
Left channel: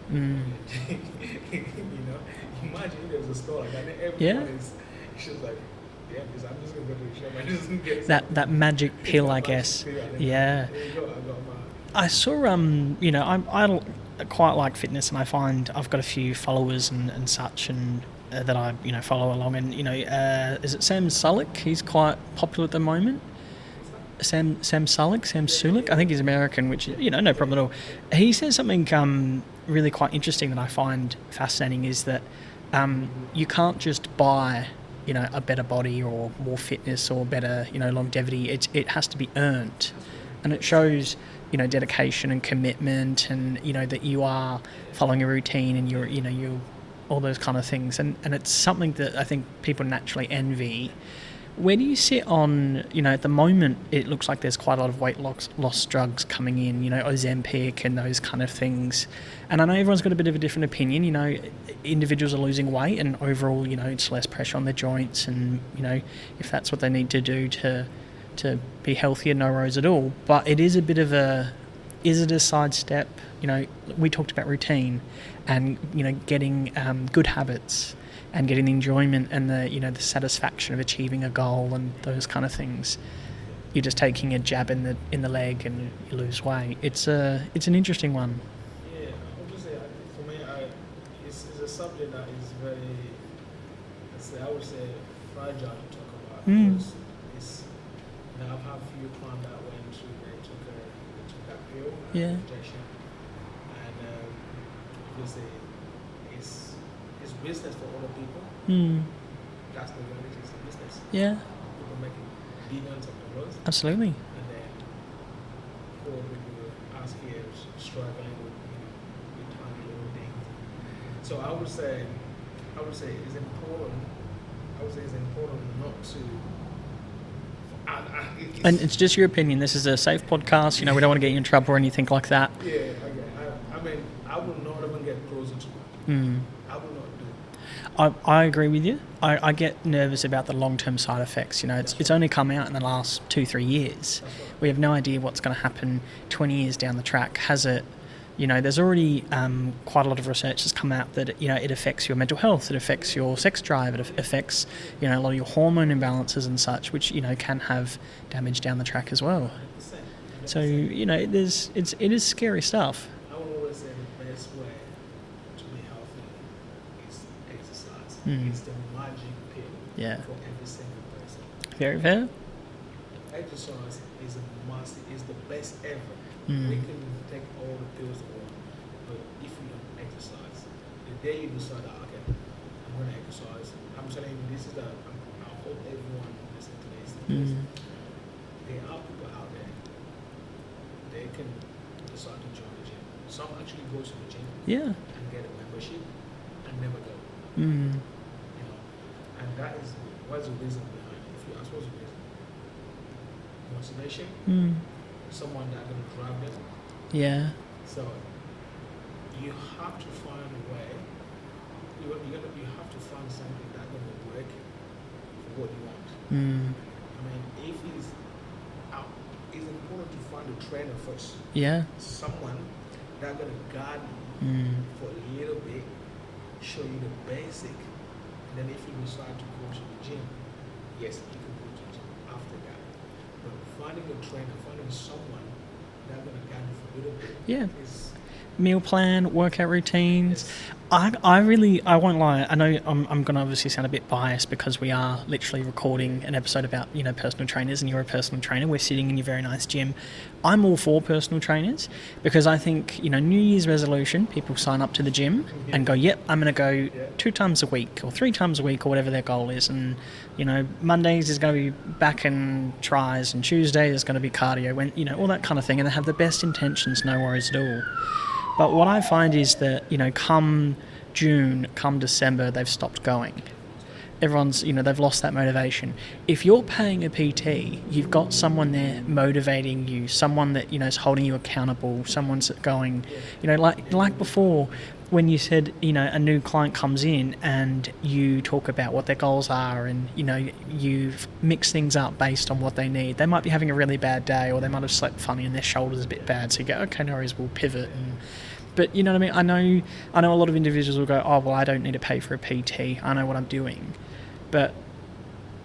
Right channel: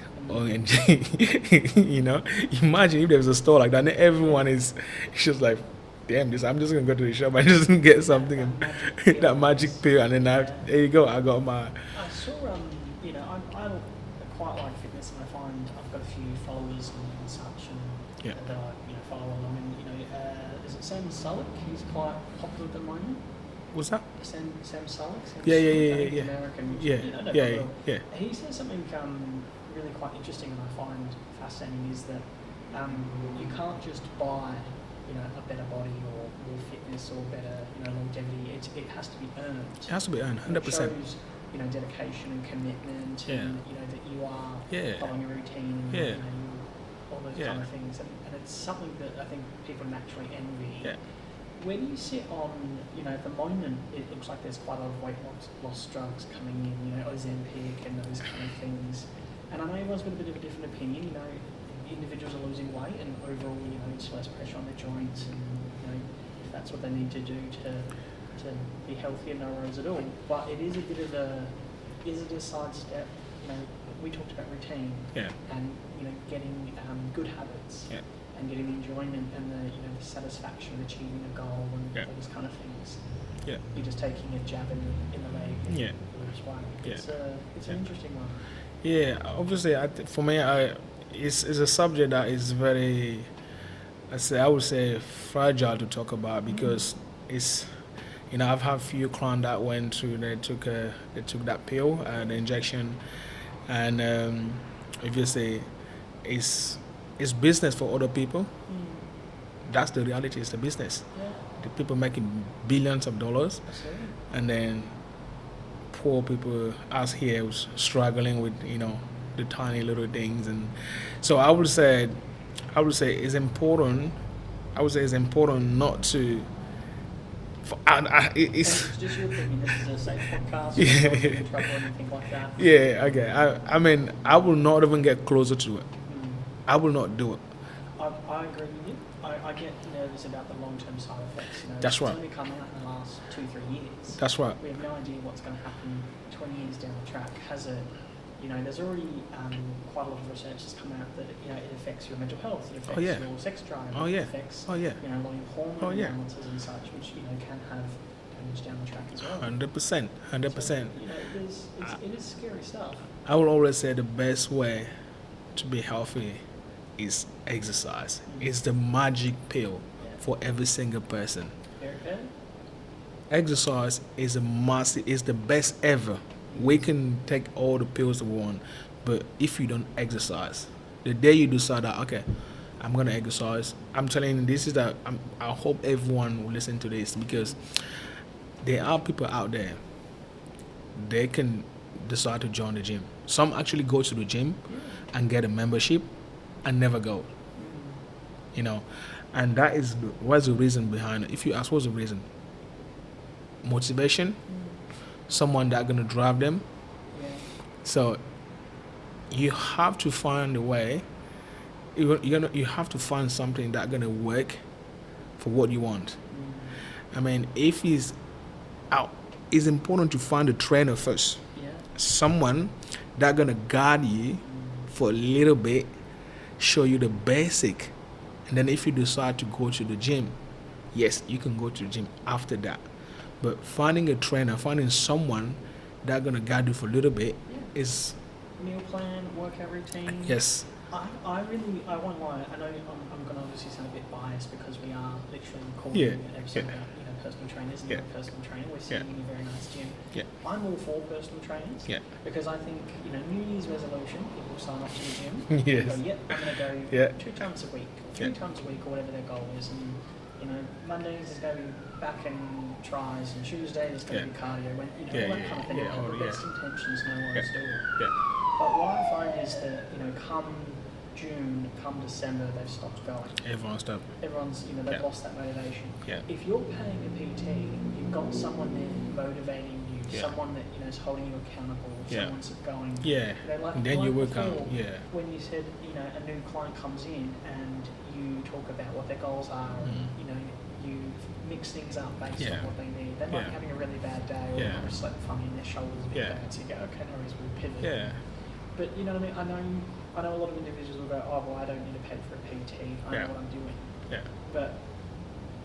Imagine if there was a store like that, and everyone is just like, damn this, I'm just gonna go to the shop and just get something. That magic pill, that magic pill, and then there you go, I got my. I saw I quite like fitness, and I find I've got a few followers and such, and that I follow along, and is it Sam Sulek? He's quite popular at the moment. What's that? Sam Sulek? I think he's American, which no problem at all. Yeah. He says something really quite interesting that I find fascinating, is that you can't just buy a better body or more fitness or better longevity. It has to be earned. It has to be earned. 100%. And it shows dedication and commitment, and that you are following a routine, and you're you're all those kind of things, and it's something that I think people naturally envy. Where do you sit on, at the moment, it looks like there's quite a lot of weight loss drugs coming in, Ozempic and those kind of things. And I know everyone's got a bit of a different opinion, individuals are losing weight, and overall, it's less pressure on the joints, and, if that's what they need to do to be healthier, no worries at all. But it is a bit of is it a sidestep? We talked about routine and, getting good habits. And getting the enjoyment and the the satisfaction of achieving a goal and those kind of things. Yeah. You're just taking a jab in the leg, and you lose weight. It's an interesting one. Yeah, obviously, for me, it's a subject that is very, I would say, fragile to talk about, because it's, I've had a few clients that went through, they took that pill, the injection, and if you say it's business for other people. That's the reality. It's the business. Yeah. The people making billions of dollars. Absolutely. And then poor people, us here, was struggling with the tiny little things, and so I would say it's important. I would say it's important not to. And it's just your opinion. This is a safe podcast. We don't want to get you in trouble or anything like that. Yeah, okay. I mean, I will not even get closer to it. I will not do it. I agree with you. I get nervous about the long-term side effects. It's only come out in the last 2-3 years. That's right. We have no idea what's going to happen 20 years down the track. Has it? There's already quite a lot of research that's come out that it affects your mental health, it affects your sex drive, it affects a lot of your hormone imbalances and such, which can have damage down the track as well. 100%. So it is scary stuff. I will always say the best way to be healthy is exercise. It's the magic pill for every single person. Very fair. Exercise is is the best ever. We can take all the pills that we want, but if you don't exercise, the day you decide that, okay, I'm gonna exercise. I'm telling you, this is that. I hope everyone will listen to this because there are people out there. They can decide to join the gym. Some actually go to the gym and get a membership and never go. You know, and that is what's the reason behind it. If you ask what's the reason, motivation, someone that gonna drive them. Yeah. So you have to find a way. You have to find something that's gonna work for what you want. I mean, if it's out, it's important to find a trainer first. Yeah. Someone that's gonna guide you for a little bit, show you the basic, and then if you decide to go to the gym, yes, you can go to the gym after that. But finding a trainer, finding someone that's gonna guide you for a little bit, is meal plan, workout routines. Yes. I won't lie. I know I'm going to obviously sound a bit biased because we are literally recording an episode about, you know, personal trainers, and you're a personal trainer. We're sitting in your very nice gym. I'm all for personal trainers because I think, you know, New Year's resolution, people sign up to the gym and go, yep, I'm going to go 2 times a week or 3 times a week or whatever their goal is. And, you know, Mondays is going to be back and tries, and Tuesday is going to be cardio, when, you know, all that kind of thing. And they have the best intentions, no worries at all. But what I find is that, you know, come June, come December, they've stopped going. Everyone's, you know, they've lost that motivation. If you're paying a PT, you've got someone there motivating you, someone that, you know, is holding you accountable, someone's going, you know, like before, when you said, you know, a new client comes in and you talk about what their goals are, and, you know, you mix things up based on what they need. They might be having a really bad day, or they might have slept funny and their shoulder's a bit bad, so you go, okay, no worries, we'll pivot. But you know what I mean? I know a lot of individuals will go, oh, well, I don't need to pay for a PT. I know what I'm doing. But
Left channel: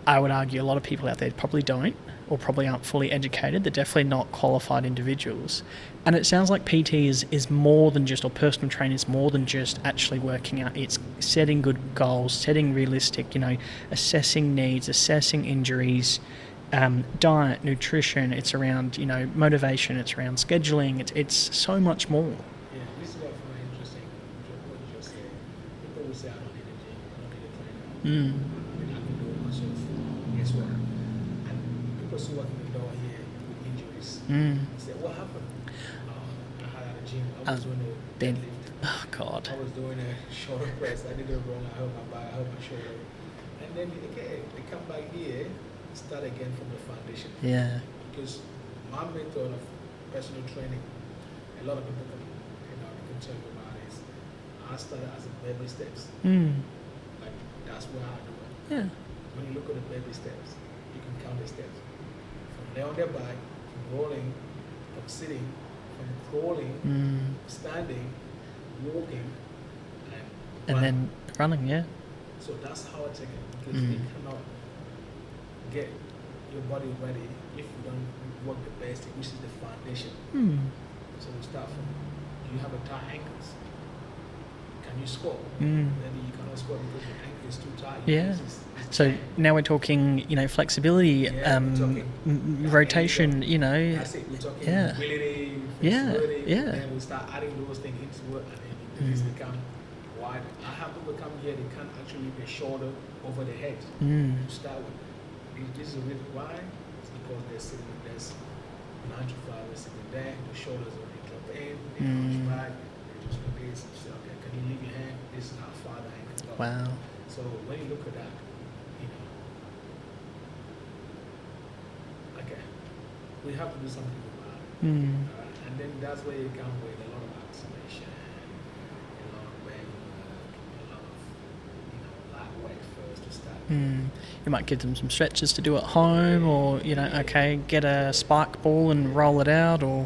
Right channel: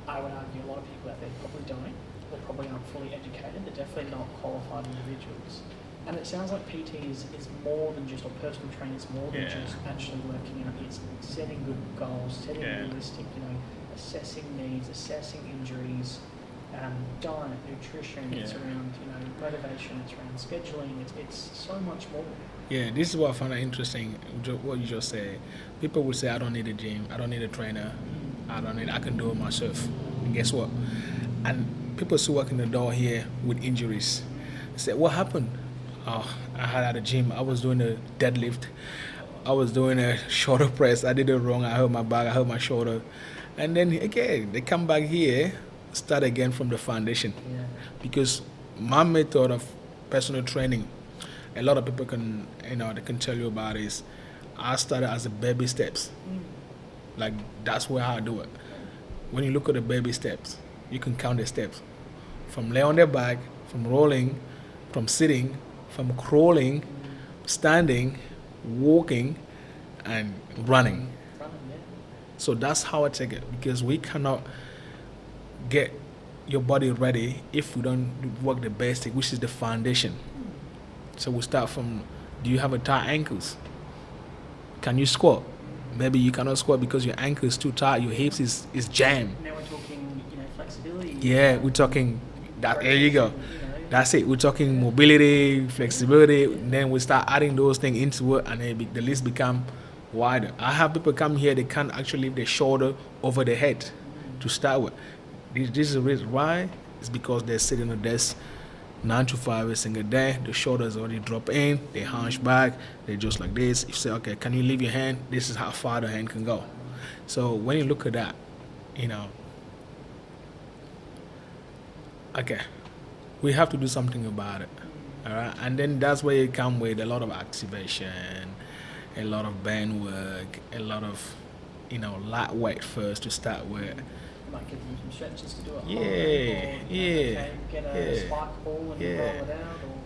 I would argue a lot of people out there probably don't, or probably aren't fully educated. They're definitely not qualified individuals. And it sounds like PT is more than just, or personal training is more than just actually working out. It's setting good goals, setting realistic, you know, assessing needs, assessing injuries, diet, nutrition. It's around, you know, motivation. It's around scheduling. It's so much more. Yeah, this is what I find interesting, what you just said. People would say, I don't need a gym, I don't need a trainer, I can do it myself. And guess what? And people still walk in the door here with injuries. They say, what happened? Oh, I had at the gym, I was doing a deadlift. Oh, God. I was doing a shoulder press, I did it wrong, I hurt my back, I hurt my shoulder. And then again, they come back here, start again from the foundation. Yeah. Because my method of personal training, a lot of people can, you know, they can tell you about is, I started as a baby steps. Like, that's where I do it. Yeah. When you look at the baby steps, you can count the steps. From lay on their back, from rolling, from sitting, from crawling, standing, walking, and running. Running. So that's how I take it, because we cannot get your body ready if we don't work the basic, which is the foundation. So we start from, do you have a tight ankles? Can you squat? Maybe you cannot squat because your ankle is too tight, your hips is jammed. So now we're talking, you know, flexibility. Yeah, we're talking rotation, you know. That's it. We're talking mobility, flexibility. Then we start adding those things into it, and then the list become wider. I have people come here, they can't actually lift their shoulder over their head to start with. This is the reason why. It's because they're sitting on a desk 9 to 5 every single day. The shoulders already drop in, they hunch back, they're just like this. You say, okay, can you leave your hand? This is how far the hand can go. Wow. So when you look at that, you know, okay, we have to do something about it. All right, and then that's where you come with a lot of activation, a lot of band work, a lot of, you know, lightweight first to start with. You might give them some stretches to do at home, or, you know, okay, get a spike ball and roll it out, or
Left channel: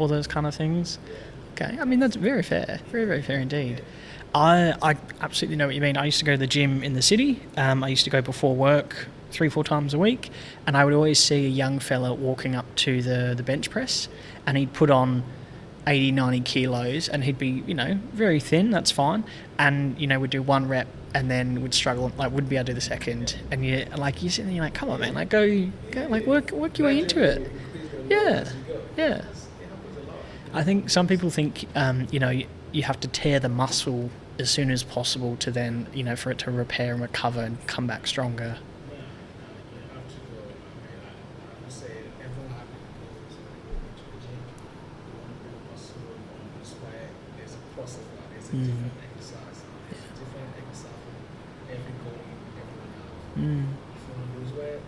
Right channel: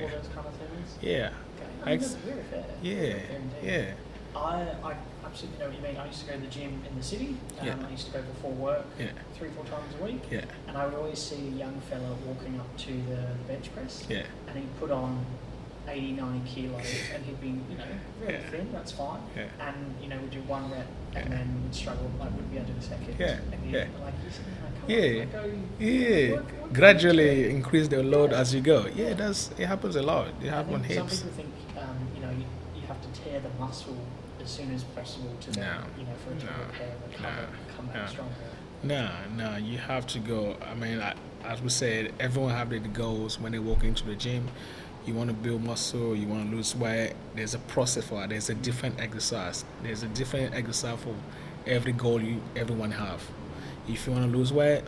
all those kind of things. Okay, I mean, that's very fair. Very, very fair indeed. I absolutely know what you mean. I used to go to the gym in the city. I used to go before work 3-4 times a week, and I would always see a young fella walking up to the bench press, and he'd put on 80, 90 kilos, and he'd be, you know, very thin, that's fine, and, you know, would do 1 rep and then would struggle, like, wouldn't be able to do the second, and like, you sit there, you're like, come on, man, like, go like, work gradually increase the load as you go. It happens a lot. I think some people think, you know, you have to tear the muscle as soon as possible to then, for it to repair and recover and come back stronger? No, you have to go. I mean, as we said, everyone have their goals when they walk into the gym. You want to build muscle, you want to lose weight. There's a process for it. There's a different exercise. There's a different exercise for every goal everyone have. If you want to lose weight,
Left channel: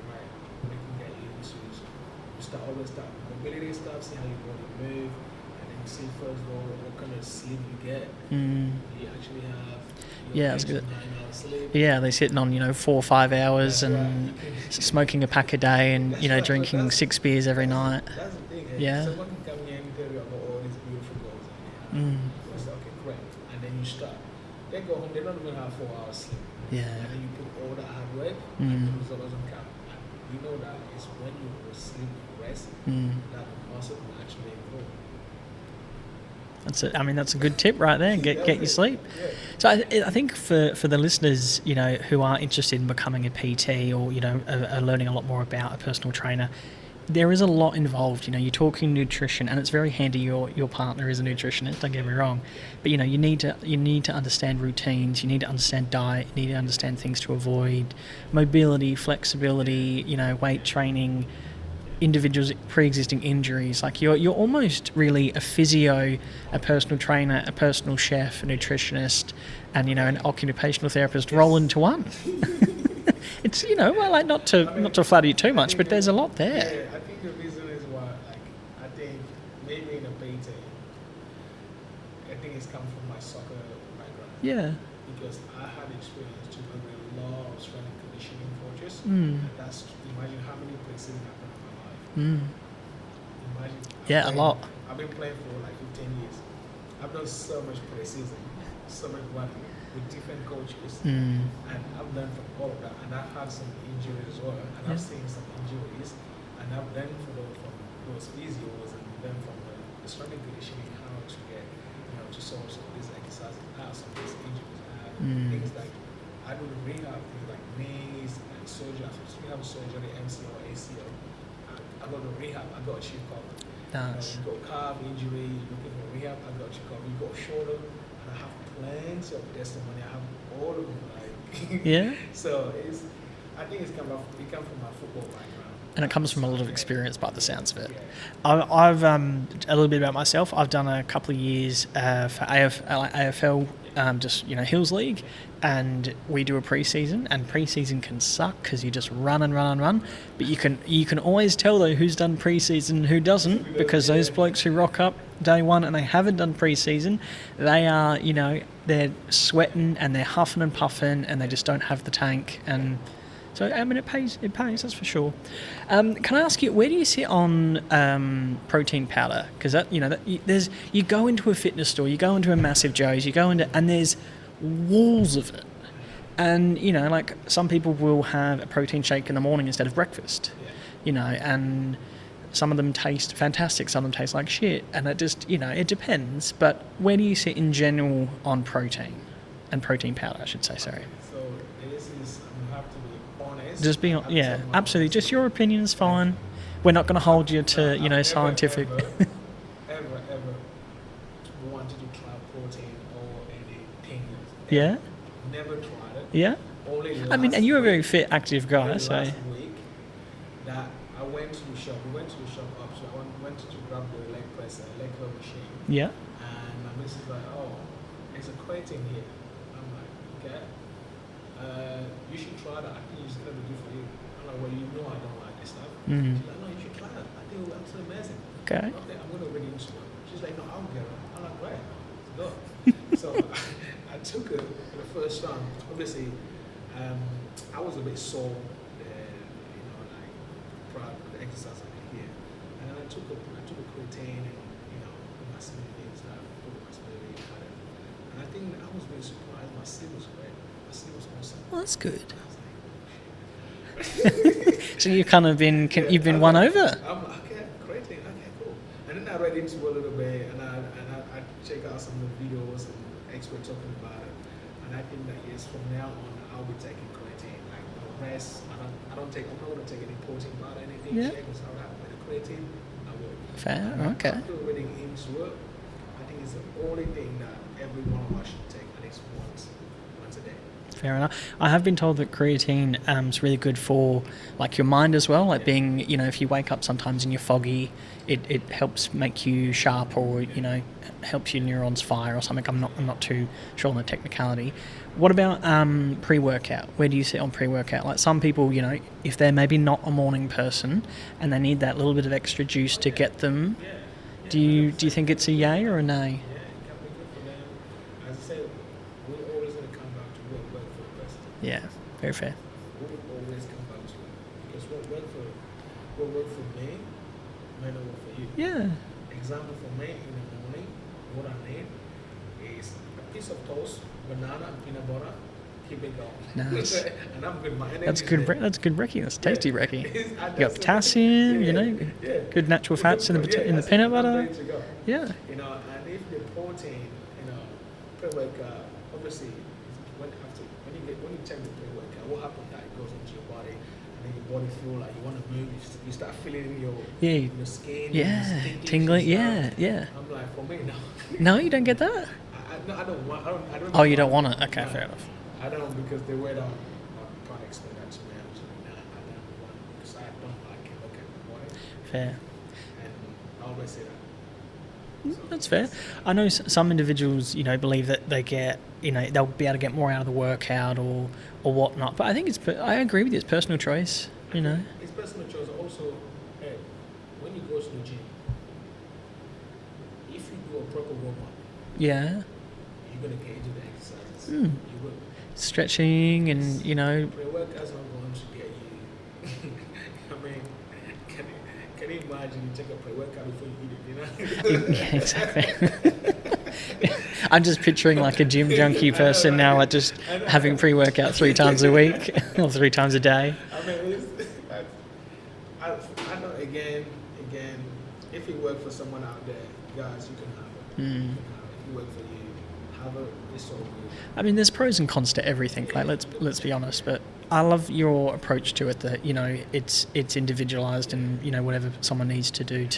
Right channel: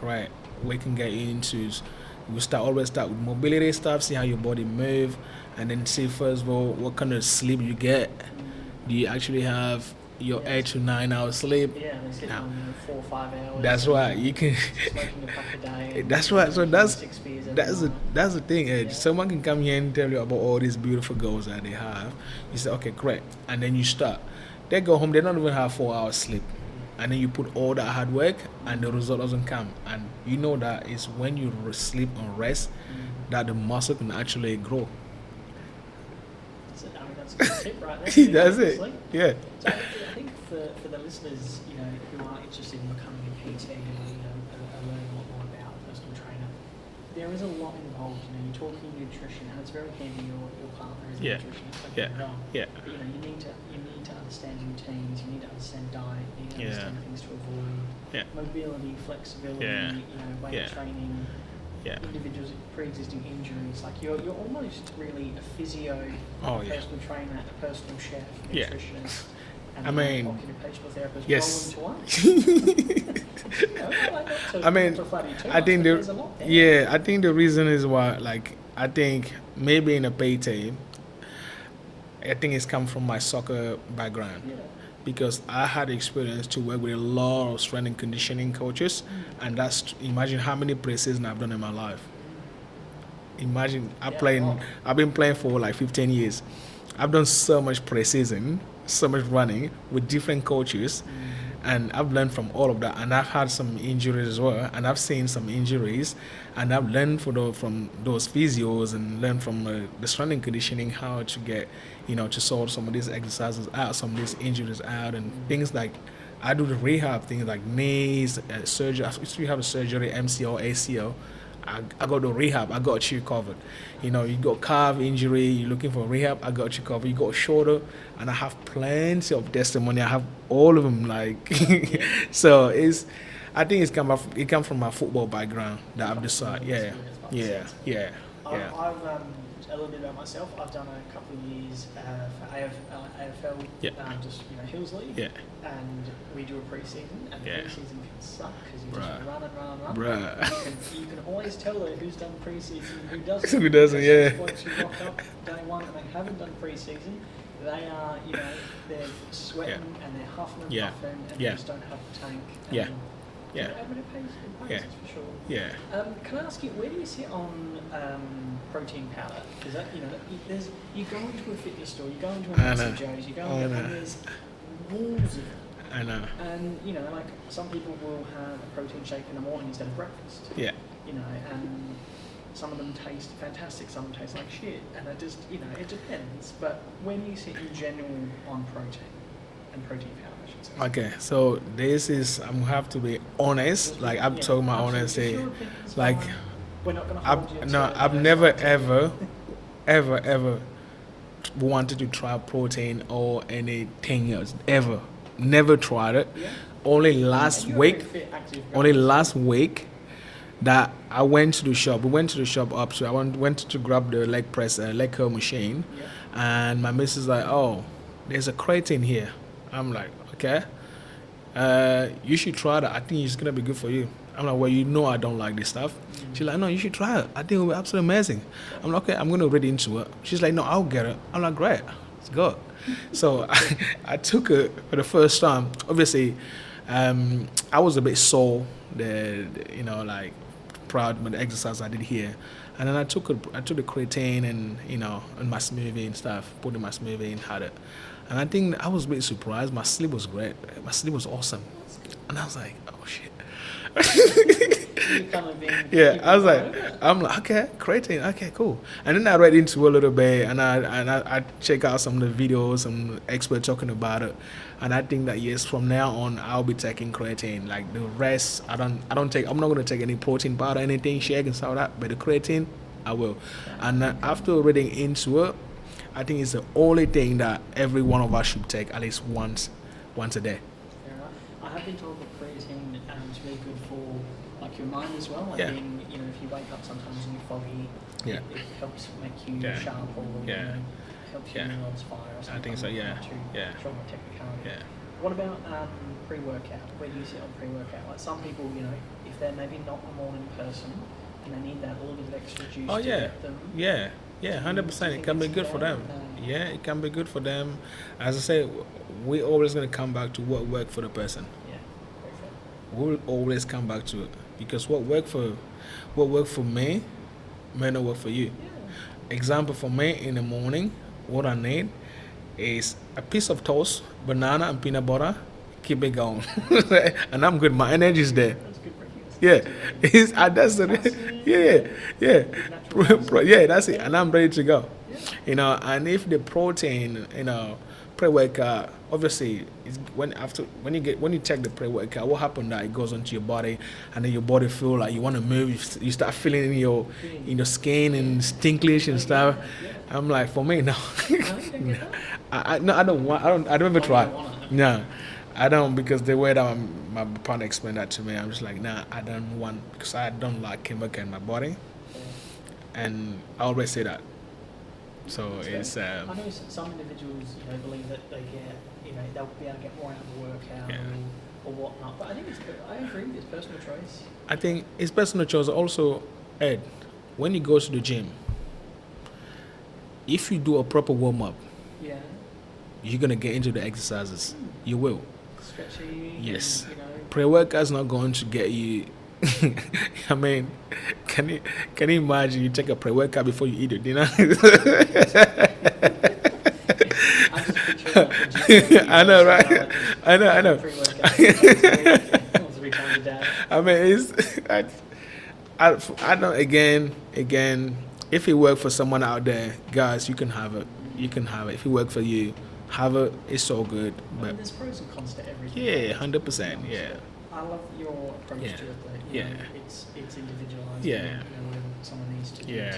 great. We can get into. We always start with mobility stuff. See how your body move. And then see first of all what kind of sleep you get. Do you actually have your 8 to 9 hours sleep? Yeah, they're sitting on 4 or 5 hours. That's right. You can smoking a pack a day and drinking 6 beers every night. That's the thing. Someone can come here and tell you about all these beautiful goals that they have. You say, okay, great, and then you start. They go home. They don't even have 4 hours sleep. Yeah. And then you put all that hard work, and the result doesn't come. And you know that is when you sleep and rest that the muscle can actually grow. That's it. I mean, that's a good tip right there. Get your sleep. Yeah. So I think for the listeners, who are interested in becoming a PT or are learning a lot more about a personal trainer, there is a lot involved. You're talking nutrition, and it's very handy. Your partner is a nutritionist. Don't get me wrong. Yeah. But you need to understand routines. You need to understand diet. You need to understand things to avoid. Mobility, flexibility. Weight training. Individuals pre-existing injuries, like you're almost really a physio, a personal trainer, a personal chef, a nutritionist, and an occupational therapist roll into one. It's not to flatter you too much, but there's a lot there. Yeah, I think the reason is why, I think maybe in a PT, I think it's come from my soccer background. Yeah. Because I had experience to work with a lot of strength and conditioning coaches, and imagine how many pre-season I've done in my life. Imagine I've been playing for 15 years. I've done so much pre-season, so much running with different coaches, and I've learned from all of that. And I've had some injuries as well, and I've seen some injuries, and I've learned from those physios and learned from the strength and conditioning how to get to sort some of these exercises out, some of these injuries out, and things like I do the rehab things like knees, surgery. If you have a surgery, MCL, ACL, I go to rehab. I got you covered. Nice. You got calf injury, you're looking for rehab, I got you covered. You got shoulder, and I have plenty of testimony. I have all of them. So I think it comes from my football background. And it comes from a lot of experience by the sounds of it. Yeah. I've a little bit about myself. I've done a couple of years for AFL, just Hills League, and we do a pre-season, and pre-season can suck because you just run and run and run. Right. But you can always tell though who's done pre-season and who doesn't, because those blokes who rock up day one and they haven't done pre-season, they are they're sweating and they're huffing and puffing and they just don't have the tank and. So I mean, it pays. That's for sure. Yeah. Can I ask you, where do you sit on protein powder? Because you go into a fitness store, you go into a Massive Joe's, you go into, and there's walls of it. I know. And some people will have a protein shake in the morning instead of breakfast. Yeah. And some of them taste fantastic, some of them taste like shit, and it just it depends. But where do you sit in general on protein? And protein powder, I should say. Okay, so this is, I'm going to have to be honest. Just be, absolutely. Just your opinion is fine. We're not going to hold you to, I've never, scientific. ever wanted to try protein or anything else. Ever. Yeah. Never tried it. Yeah. Only last week. And you're a very fit, active guy. Only last week that I went to the shop. We went to the shop up, so I went to grab the leg press, leg curl machine. Yeah. And my missus is like, oh, there's a creatine here. I'm like, okay, you should try that. I think it's going to be good for you. I'm like, well, I don't like this stuff. Mm-hmm. She's like, no, you should try it. I think it will be absolutely amazing. Okay. I'm like, okay, I'm going to read into it. She's like, no, I'll get it. I'm like, great, let's go. So I took it for the first time. Obviously, I was a bit sore, proud with the exercise I did here. And then I took the creatine and, and my smoothie and stuff, put in my smoothie and had it. And I think I was a bit surprised. My sleep was great. My sleep was awesome. Well, that's good. And I was like, oh, shit. So you've kind of been, you've been won over. I'm like, okay, creatine, okay, cool. And then I read into it a little bit, and I check out some of the videos, some experts talking about it. And I think that, yes, from now on, I'll be taking creatine. Like the rest, I'm not going to take any protein powder, anything, shake and stuff like that. But the creatine, I will. Fair. And after reading into it, I think it's the only thing that every one of us should take at least once a day. Fair enough. I have been told that creatine is really good for like your mind as well. Like being, if you wake up sometimes and you're foggy, it helps make you sharp, or helps your neurons fire or something. I'm not too sure on the technicality. Yeah. What about pre-workout? Where do you sit on pre-workout? Like some people, if they're maybe not a morning person and they need that little bit of extra juice to get them. Yeah. Do you think it's a yay or a nay? Yeah, it can be good for them. As I say, we're always going to come back to what worked for the person. Yeah, very fair. We'll always come back to it because what worked for me may not work for you. Yeah. Example for me in the morning, what I need is a piece of toast, banana and peanut butter. Keep it going. Nice. And I'm good. My energy's there. That's good brekkie. That's tasty brekkie. That's potassium. Good natural fats. That's it. And I'm ready to go. Yeah. And if the protein, pre-workout, obviously, it's when you take the pre-workout, what happens that it goes onto your body, and then your body feel like you want to move. You start feeling in your skin and tinklish and stuff. Yeah. I'm like, for me, no. No, you don't get that. I don't want. I don't. Oh, you don't want it? Okay. No, I don't, because the way that my partner explained that to me, I'm just like, nah, I don't want, because I don't like chemical in my body. Fair. And I always say that. So that's fair. I know some individuals, believe that they get, they'll be able to get more out of the workout or whatnot. But I think I agree with you. It's personal choice. I think it's personal choice. Also, Ed, when you go to the gym, if you do a proper warm up, you're gonna get into the exercises. You will. Stretching and pre-workout's not going to get you. I mean, can you imagine you take a pre-workout before you eat your dinner? I'm just picturing like a gym junkie person now, like just having pre-workout 3 times a week or 3 times a day. I mean, I know. Again, if it works for someone out there, guys, you can have it. You can have it. If it works for you, have it. It's so good. I mean, there's pros and cons to everything. Yeah, let's be honest. But I love your approach to it. That it's individualized, and whatever someone needs to do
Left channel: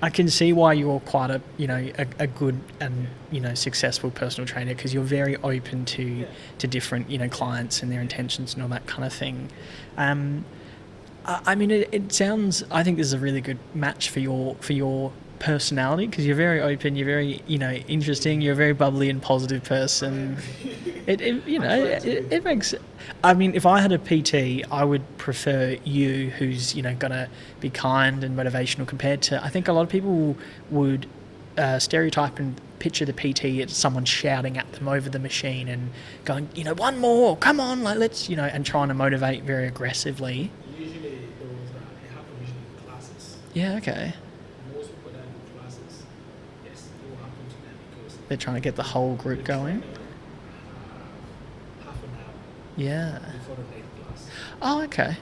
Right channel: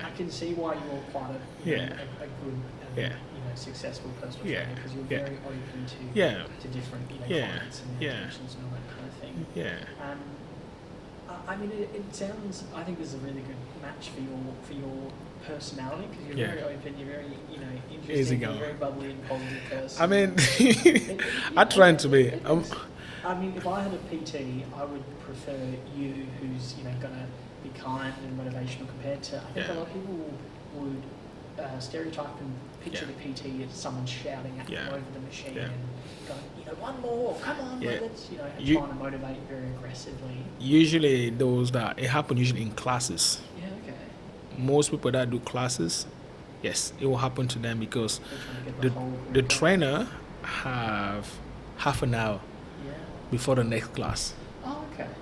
I can see why you're quite a good and successful personal trainer, because you're very open to different clients and their intentions and all that kind of thing. I mean, it sounds. I think this is a really good match for your personality, because you're very open, you're very interesting, you're a very bubbly and positive person. I mean, I try to be. It makes. I mean, if I had a PT, I would prefer you, who's gonna be kind and motivational, compared to, I think a lot of people would stereotype and picture the PT as someone shouting at them over the machine and going, one more, come on, like let's, and trying to motivate very aggressively. Usually it happens usually in classes. Yeah, okay. Most people that do classes, yes, it will happen to them because they're trying to get the whole group the going. trainer have half an hour before the next class. Oh, okay.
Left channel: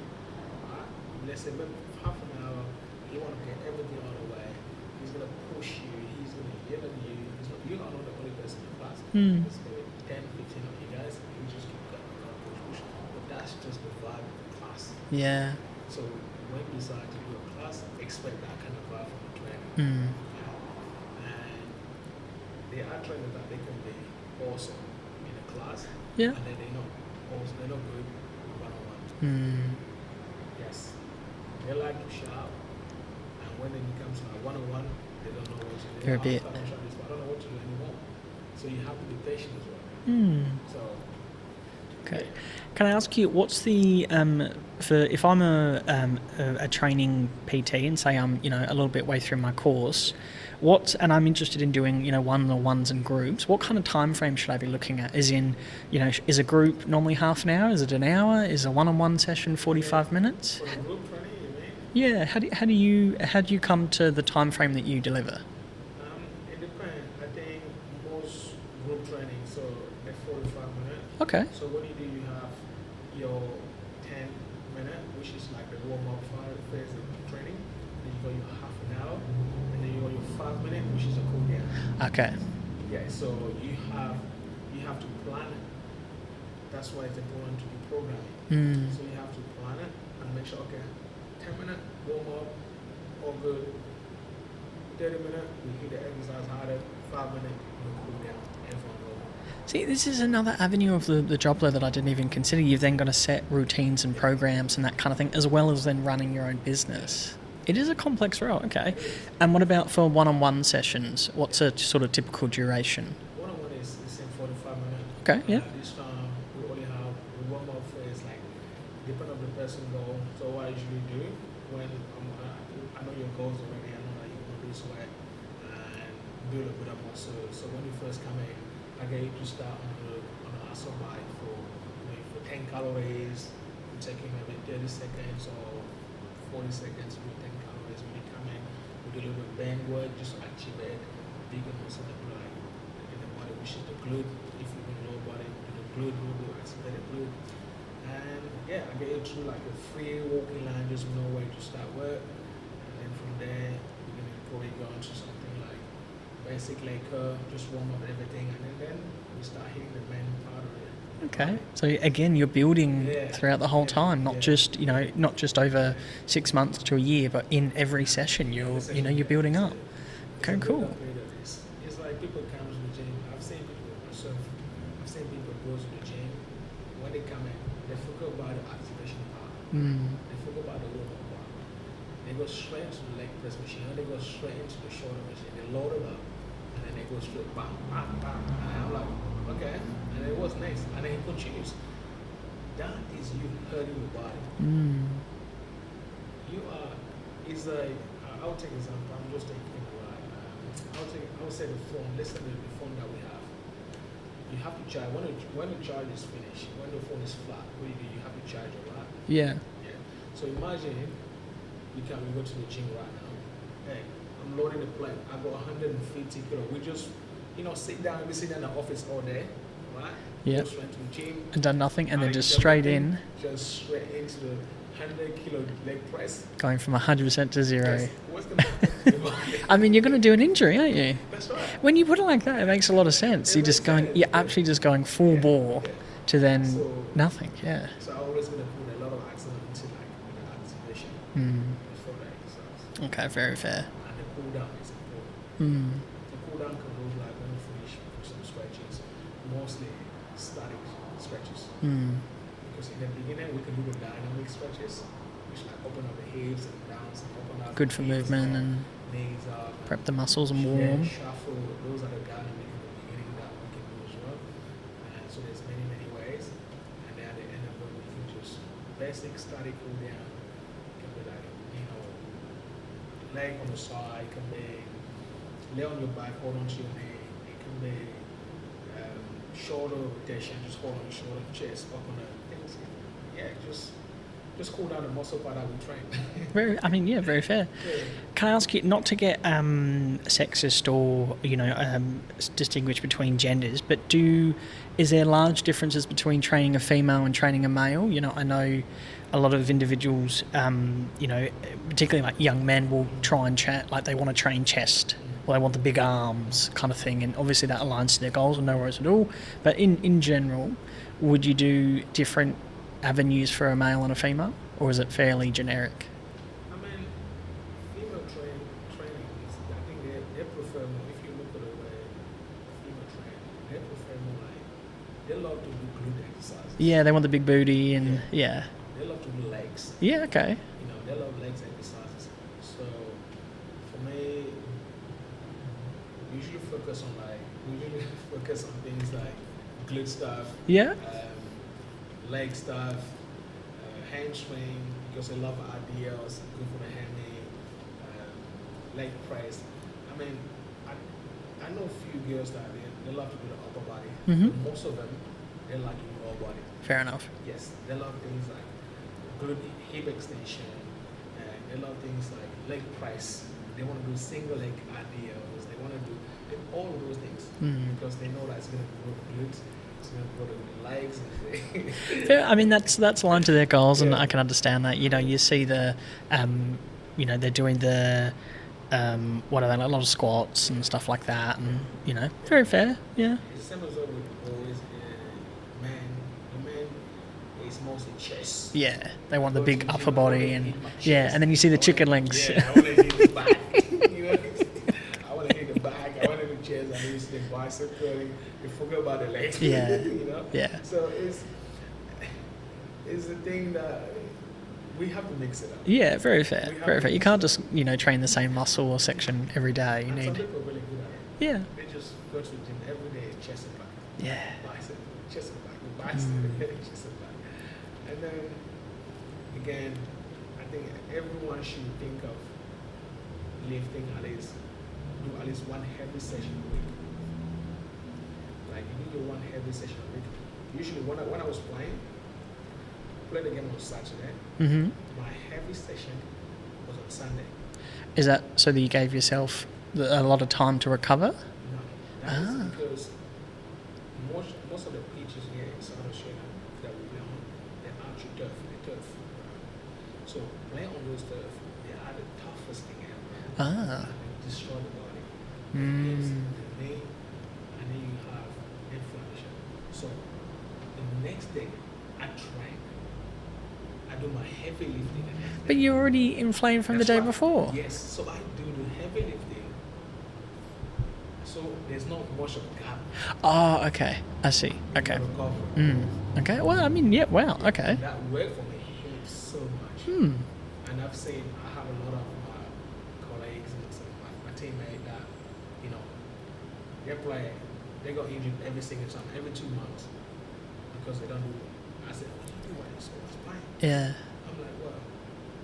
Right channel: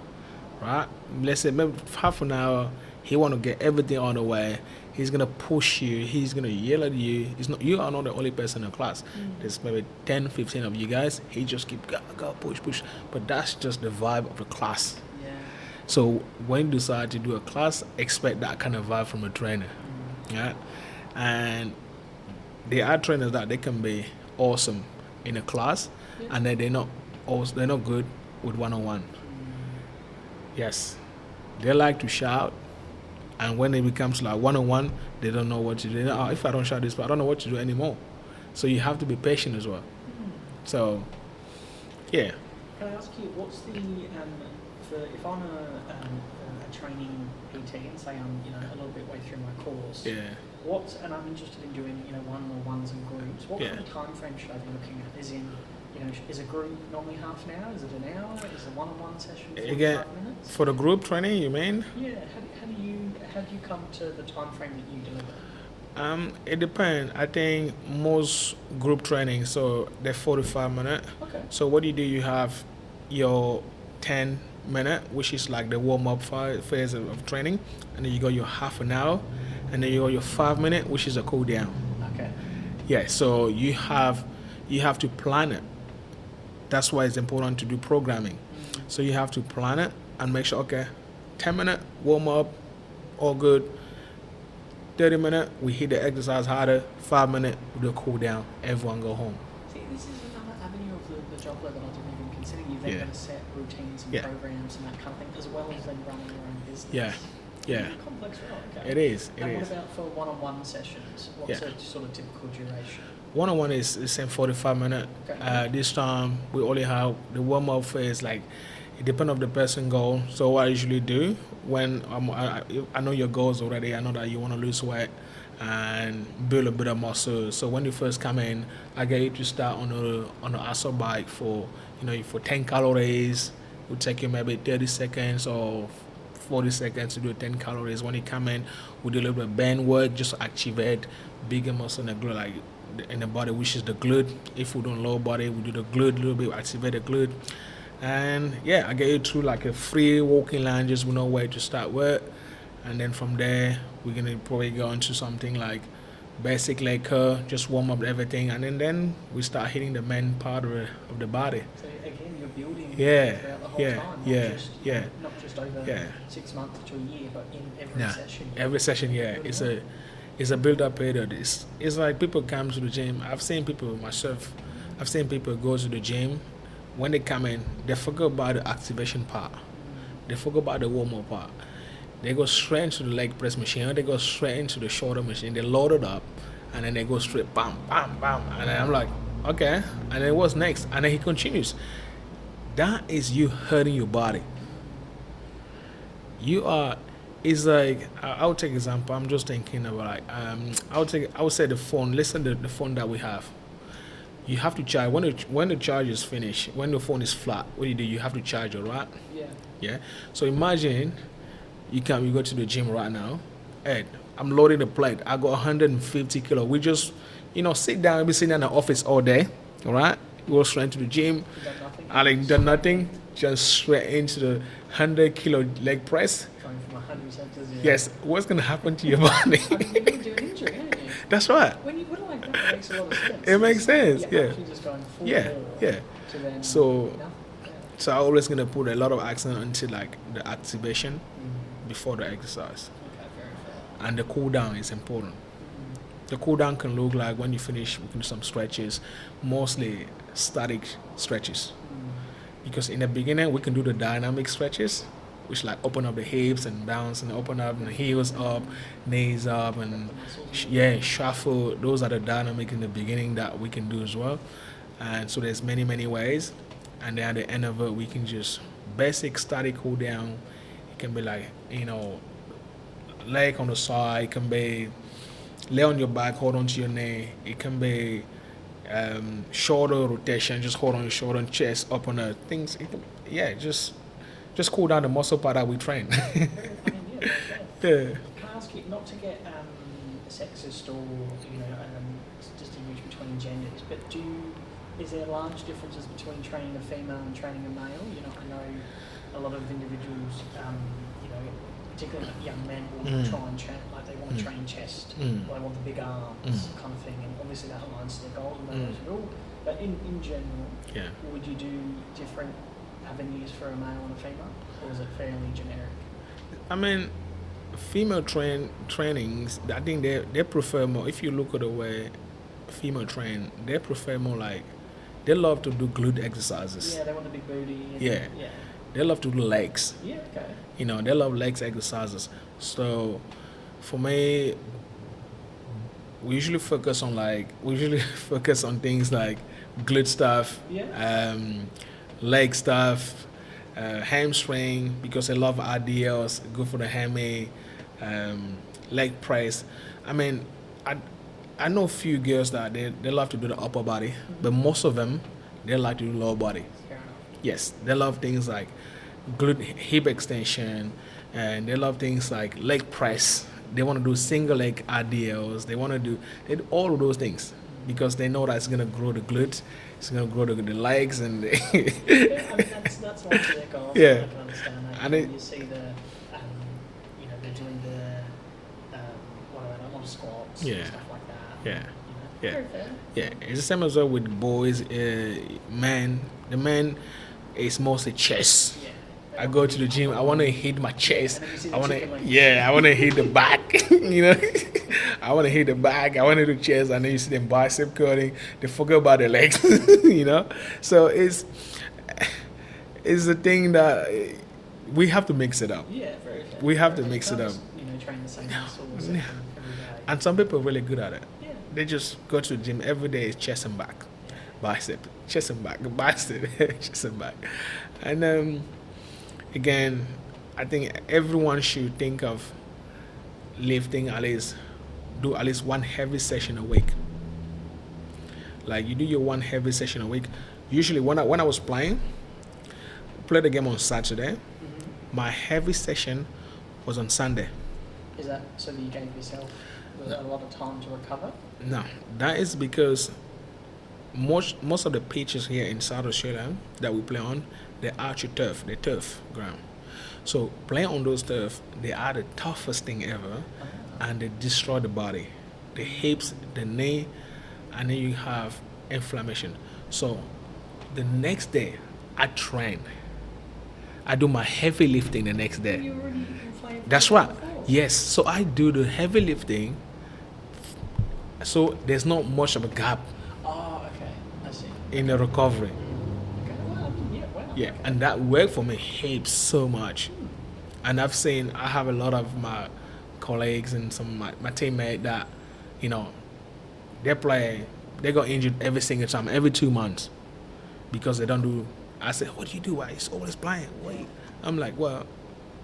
Right? Let's say maybe half an hour, he want to get everything on the way. He's going to push you. He's going to yell at you. You are not the only person in the class. There's maybe 10, 15 of you guys. He just keep go, push. But that's just the vibe of the class. Yeah. So when you decide to do a class, expect that kind of vibe from a trainer. Yeah. And there are trainers that they can be awesome in a class, and then they're not good with one-on-one. Yes. They like to shout, and when it becomes like one-on-one, they don't know what to do. If I don't shout this, I don't know what to do anymore. So you have to be patient as well. So, Can I ask you, what's the if I'm a training PT and say I'm a little bit way through my course, and I'm interested in doing one-on-ones and groups, what kind of time frame should I be looking at? As in, is a group normally half an hour? Is it an hour? Is a one-on-one session 45 minutes? For the group training, you mean? Yeah. How do you come to the time frame that you deliver? It depends. I think most group training, so they're 45 minutes. Okay. So what do? You have your 10-minute, which is like the warm-up phase of training, and then you got your half an hour, and then you got your 5-minute, which is a cool down. Okay. Yeah. So you have to plan it. That's why it's important to do programming. So you have to plan it and make sure, 10-minute warm-up, all good. 30 minutes, we hit the exercise harder. 5 minutes, we do a cool down. Everyone go home. See, this is another avenue of the job that I didn't even consider. You've then got to set routines and programs and that kind of thing, as well as then running your own business. It is a complex role, okay. It is. And what about for one-on-one sessions? What's a sort of typical duration? One-on-one is the same 45 minutes. Okay. This time, we only have the warm-up phase, like, it depends on the person goal. So what I usually do, when I know your goals already, I know that you want to lose weight and build a bit of muscle. So when you first come in, I get you to start on the assault bike for 10 calories. It will take you maybe 30 seconds or 40 seconds to do 10 calories. When you come in, we do a little bit of band work, just to activate bigger muscle in the glute, like in the body, which is the glute. If we do lower body, we do the glute a little bit, activate the glute. And I get you through like a free walking line, just we know where to start with. And then from there, we're going to probably go into something like basic leg curl, just warm up everything. And then we start hitting the main part of the body. So again, you're building throughout the whole time, not just not just over 6 months to a year, but in every session. You're building up. It's a build-up period. It's like people come to the gym. I've seen people go to the gym. When they come in, they forget about the activation part. They forget about the warm-up part. They go straight into the leg press machine, or they go straight into the shoulder machine. They load it up, and then they go straight, bam, bam, bam. And then I'm like, okay. And then what's next? And then he continues. That is you hurting your body. It's like, I'll take example. I'm just thinking about like, I would say the phone. Listen to the phone that we have. You have to charge when the charge is finished. When the phone is flat, what do? You have to charge it, right? Yeah. So imagine you go to the gym right now, and I'm loading the plate. I got 150 kilo. We just sit down. Be sitting in the office all day, all right? Go straight to the gym. And done nothing, and just straight in. Just straight into the 100 kilo leg press. Going from 100% to 0. Yes. What's going to happen to your body? I mean, you're going to do an injury, aren't you? That's right. When you put it like that, it makes a lot of sense. It makes sense. You're actually just going full bore to then nothing. Yeah. So I'm always going to put a lot of accent into like the activation before the exercise. Okay, very fair. And the cool down is important. The cool down can look like when you finish with some stretches, mostly static stretches. Because in the beginning we can do the dynamic stretches, which like open up the hips and bounce and open up the heels up, knees up, and prep the muscles and shuffle. Those are the dynamic in the beginning that we can do as well. And so there's many ways. And then at the end of it, we can just basic static cool down. It can be like leg on the side. It can be lay on your back, hold on to your knee. It can be shoulder rotation, just hold on your shoulder and chest up on the things. Just cool down the muscle part that we train. Very fair. Yeah. Can I ask you, not to get sexist or distinguish between genders, but is there large differences between training a female and training a male? I know a lot of individuals, particularly like young men, will try and like they want to train chest, or they want the big arms kind of thing, and obviously that aligns to their goals and no worries at all. But in general, would you do different avenues for a male and a female, or is it fairly generic? I mean, female trainings, I think they prefer more. If you look at the way female train, they prefer more like they love to do glute exercises. Yeah, they want the big booty and they love to do legs. Yeah, okay. They love legs exercises. So for me, we usually focus on things like glute stuff. Yeah. Leg stuff, hamstring, because I love RDLs, good for the hammy, leg press. I mean, I know a few girls that they love to do the upper body, but most of them, they like to do lower body. Fair enough. Yes, they love things like glute hip extension, and they love things like leg press. They want to do single leg RDLs. They want to do all of those things because they know that it's going to grow the glutes. It's going to grow the legs and I mean that's aligned to their goals, and I can understand that. You see the they're doing the what are they, like, a lot of squats and stuff like that. And, very fair. Yeah. It's the same as well with boys. Men, the men, it's mostly chest. Yeah, they want the big upper body. I want to hit my chest. Yeah, and then you see the chicken legs. Yeah, I want to hit the back. I want to hit the back, I want to do chest, and then you see them bicep curling. They forget about the legs, Yeah. you know. Yeah. So it's a thing that we have to mix it up. Yeah, very fair. We have very to fair. You mix can't it just up. train the same muscle or section every day. And some people are really good at it. Yeah. They just go to the gym every day, is chest and back. Yeah. Bicep, chest and back, bicep, chest and back. And again, I think everyone should think of lifting do at least one heavy session a week. Like you do your one heavy session a week. Usually when I was played the game on Saturday. Mm-hmm. My heavy session was on Sunday. Is that so that you gave yourself a lot of time to recover? No, that is because most of the pitches here in South Australia that we play on, they're archery turf, they're turf ground. So playing on those turf, they are the toughest thing ever, and they destroy the body, the hips, the knee, and then you have inflammation. So the next day, I train. I do my heavy lifting the next day. But you're already inflamed from That's the day right. before. Yes, so I do the heavy lifting. So there's not much of a gap. Oh, okay. I see. In the recovery. Okay. Well, I mean, yeah. Wow. Yeah, Okay. and that worked for me heaps so much. And I have a lot of my colleagues and some of my teammates that, they got injured every single time, every 2 months, because they don't do. I said, what do you do? Why it's always playing? Yeah. I'm like, well,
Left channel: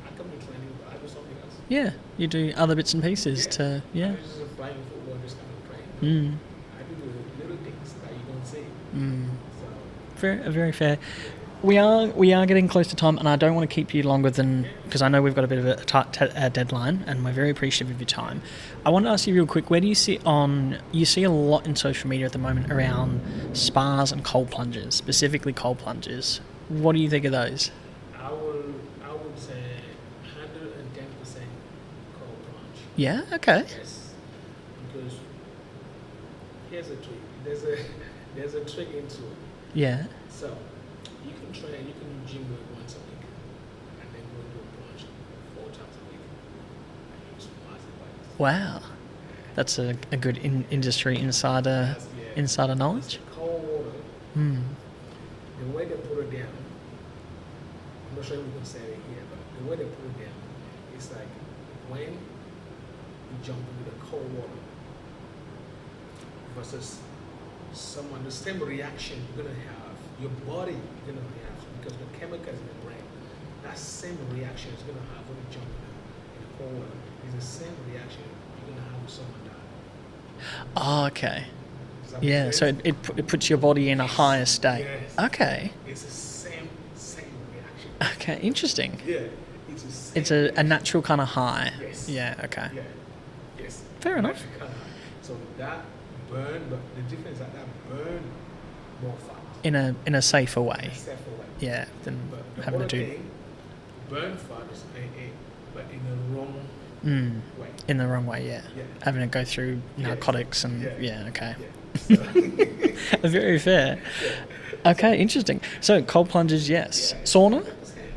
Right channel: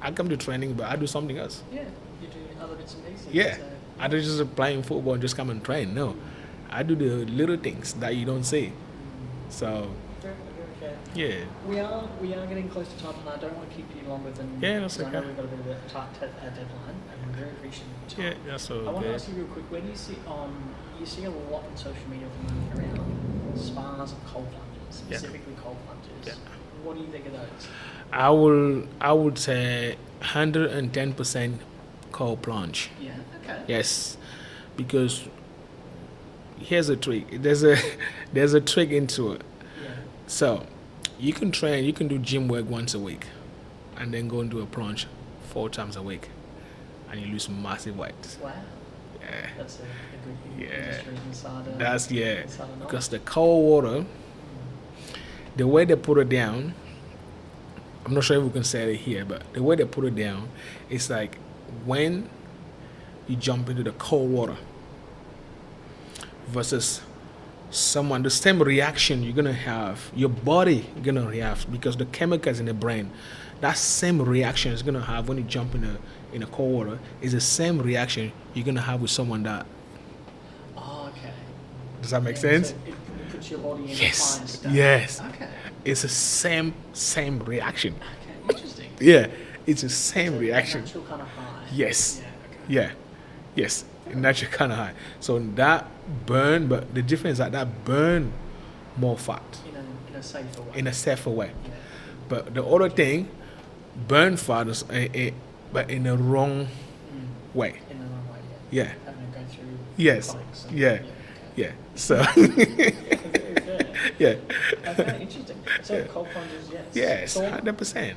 I come to training, but I do something else. Yeah. You do other bits and pieces. Yeah. I don't just playing football and just come and train. No. I do the little things that you don't see. So very, very fair. Yeah. We are getting close to time, and I don't want to keep you longer than because I know we've got a bit of a tight deadline, and we're very appreciative of your time. I want to ask you real quick: where do you see you see a lot in social media at the moment around spas and cold plunges, specifically cold plunges? Yeah. What do you think of those? I would say 110% cold plunge. Yeah. Okay. Yes, because here's a trick. There's a trick into it. Yeah. So, you can do gym work once a week, and then go and do a plunge 4 times a week, and you lose massive weight. Wow. Yeah. That's a good industry insider. Insider knowledge. Because the cold water, the way they put it down, I'm not sure if we can say it here, but the way they put it down, it's like when you jump into the cold water versus the same reaction you're gonna have, your body gonna react because the chemicals in the brain, that same reaction is gonna have when you jump in a cold water is the same reaction you're gonna have with someone that. Oh, okay. Does that make sense? So it puts your body in a higher state. Yes. Okay. It's the same reaction. Okay, interesting. Yeah, it's the same reaction. A natural kind of high. Yes. Yeah. Okay. Yeah. Yes. Fair enough. Natural kind of high. So that burn, but the difference is that burn more fat in a safer way. In a safer way. Yeah. But the other thing, burn fat is but in the wrong way. In the wrong way, yeah. Yeah. Having to go through narcotics and okay. Yeah. So very fair. Yeah. Okay, interesting. So cold plunges, yes. Yes. Sauna? 100%.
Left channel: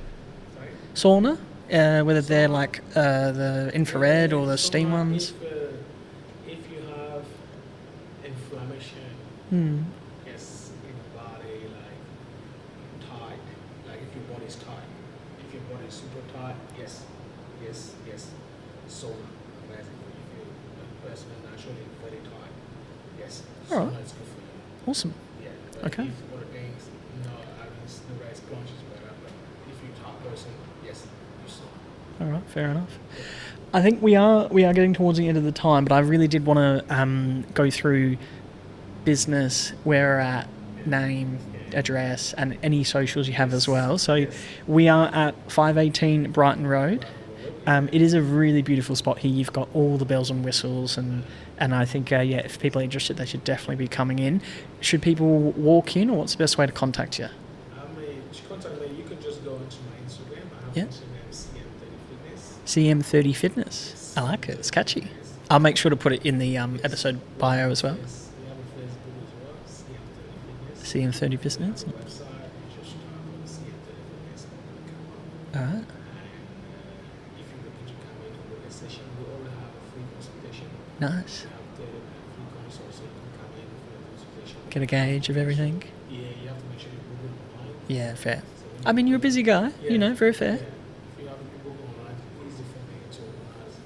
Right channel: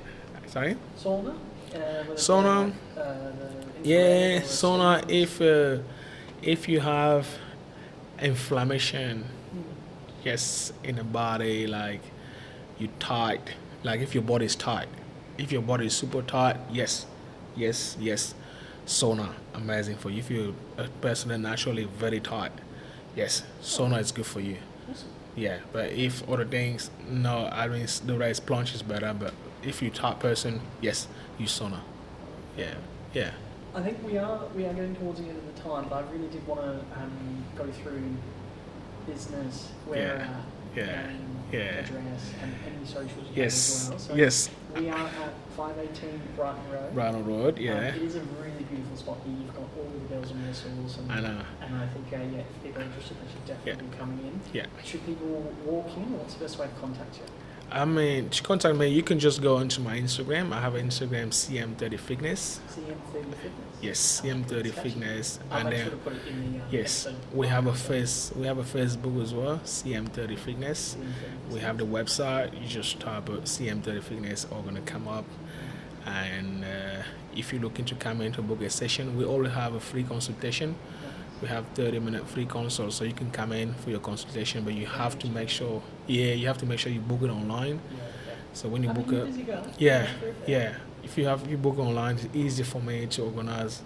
Sorry? Sauna? Whether they're like the infrared or the steam ones? If you have inflammation, yes, in the body, like you tight, like if your body is tight, if your body is super tight, yes, sauna, amazing for you. If you're a person that's naturally very tight, yes, sauna is good for you. Awesome. Yeah, but if other things, no, I mean the race plunge is better, but if you're a tight person, yes, use sauna. All right, fair enough. Yeah. I think we are getting towards the end of the time, but I really did want to go through business, where we're at, name, address, and any socials you have as well. So we are at 518 Brighton Road. Brighton Road, yeah. It is a really beautiful spot here. You've got all the bells and whistles, and I think if people are interested, they should definitely be coming in. Yeah. Should people walk in, or what's the best way to contact you? I mean, to contact me, you can just go into my Instagram. I have an Instagram, CM30Fitness. CM30Fitness? Yes. I like it. It's catchy. Fitness. I'll make sure to put it in the episode bio as well. We have a Facebook as well, CM30Fitness. CM30Fitness. We have the website. You just type CM30Fitness, all going to come up. Uh-huh. And if you're looking to come in to book a session, we already have a free consultation. Nice. We have 30-minute free consult, so you can come in for your consultation. But Get you a have gauge to of make everything. sure, you have to make sure you book it online. Yeah, fair. So when you I mean, book you're a busy guy. Yeah, very fair. Yeah, if you book online, it's easy for me to organize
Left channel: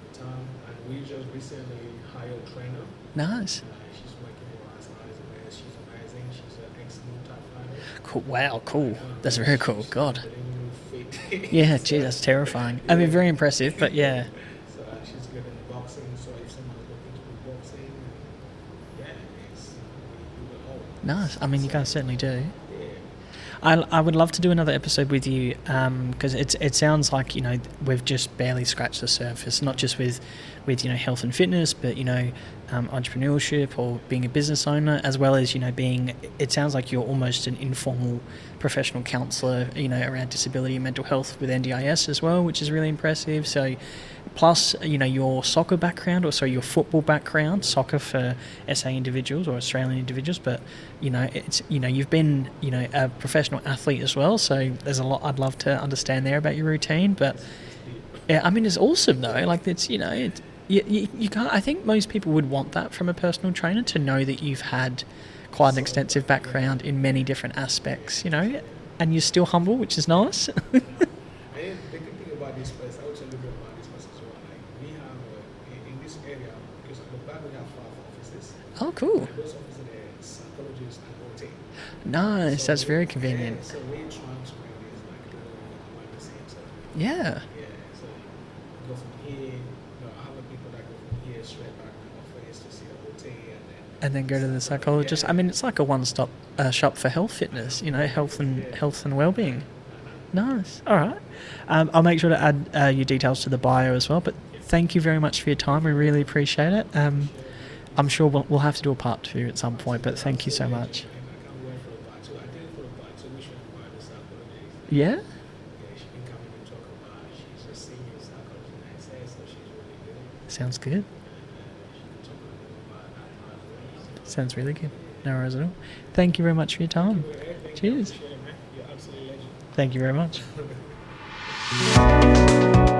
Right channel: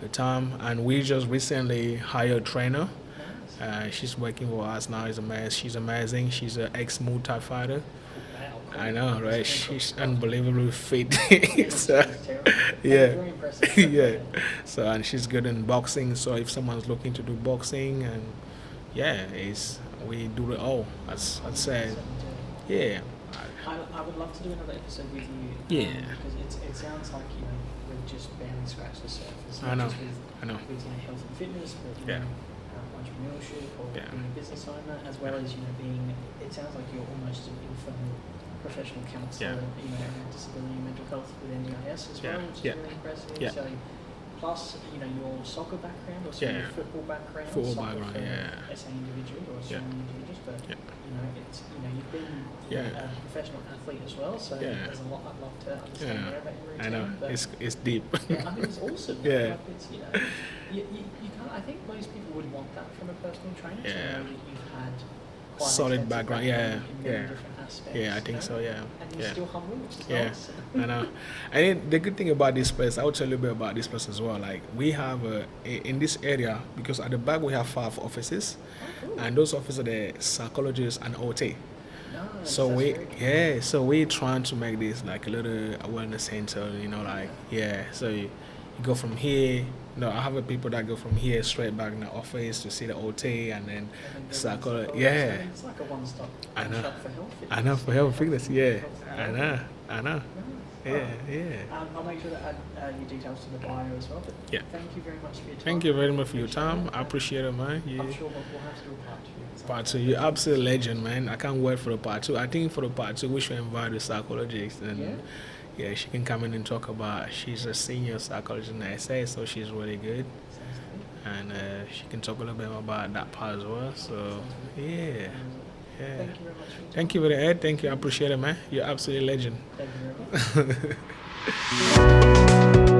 the time. And we just recently hired a trainer. Nice. She's working for us now. She's amazing. She's an ex-Muay Thai fighter. Cool. Wow, cool. I know, that's right? very cool. She's God. unbelievably fit. Yeah, So, that's terrifying. I mean, very impressive, but yeah. So, and she's good in boxing. So if someone's looking to do boxing, and we do it all. Nice. I mean, you guys certainly do. Yeah. I would love to do another episode with you because it sounds like we've just barely scratched the surface, not just with health and fitness, but entrepreneurship or being a business owner, as well as being. It sounds like you're almost an informal professional counsellor, around disability and mental health with NDIS as well, which is really impressive. Yeah. So. Plus, your soccer background, or your football background, soccer for SA individuals or Australian individuals, but it's you've been a professional athlete as well. So there's a lot I'd love to understand there about your routine. But it's deep. Yeah, I mean it's awesome though. Like it's you can't. I think most people would want that from a personal trainer to know that you've had quite an extensive background in many different aspects. And you're still humble, which is nice. I know. And the good thing about this place, I will tell you a bit about this place as well. Like we have in this area, because at the back we have 5 offices. Oh, cool! And those offices are the psychologists and OT. Nice, so that's very convenient. Yeah, so we're trying to make this like a little awareness center. So you go from here. I have people that go from here straight back in the office to see the OT and then go to the psychologist. I mean, it's like a one-stop shop for health fitness. Health and well-being. I know. Nice. All right. Yeah. I'll make sure to add your details to the bio as well. But thank you very much for your time. I really appreciate it. I appreciate it, man. Yeah. I'm sure we'll have to do a part 2 at some point. But thank you so legend, much, man. I can't wait for the part 2. I think for the part 2 we should invite the psychologist. Yeah, she can come in and talk about. She's a senior psychologist in the SA, so she's really good. Sounds good. And she can talk a little bit about that part as well. So sounds really good. Yeah. No worries at all. Yeah. Thank you very much for your time. Thank you for the Ed. Thank you. I appreciate it, man. You're absolutely a legend. Thank you very much.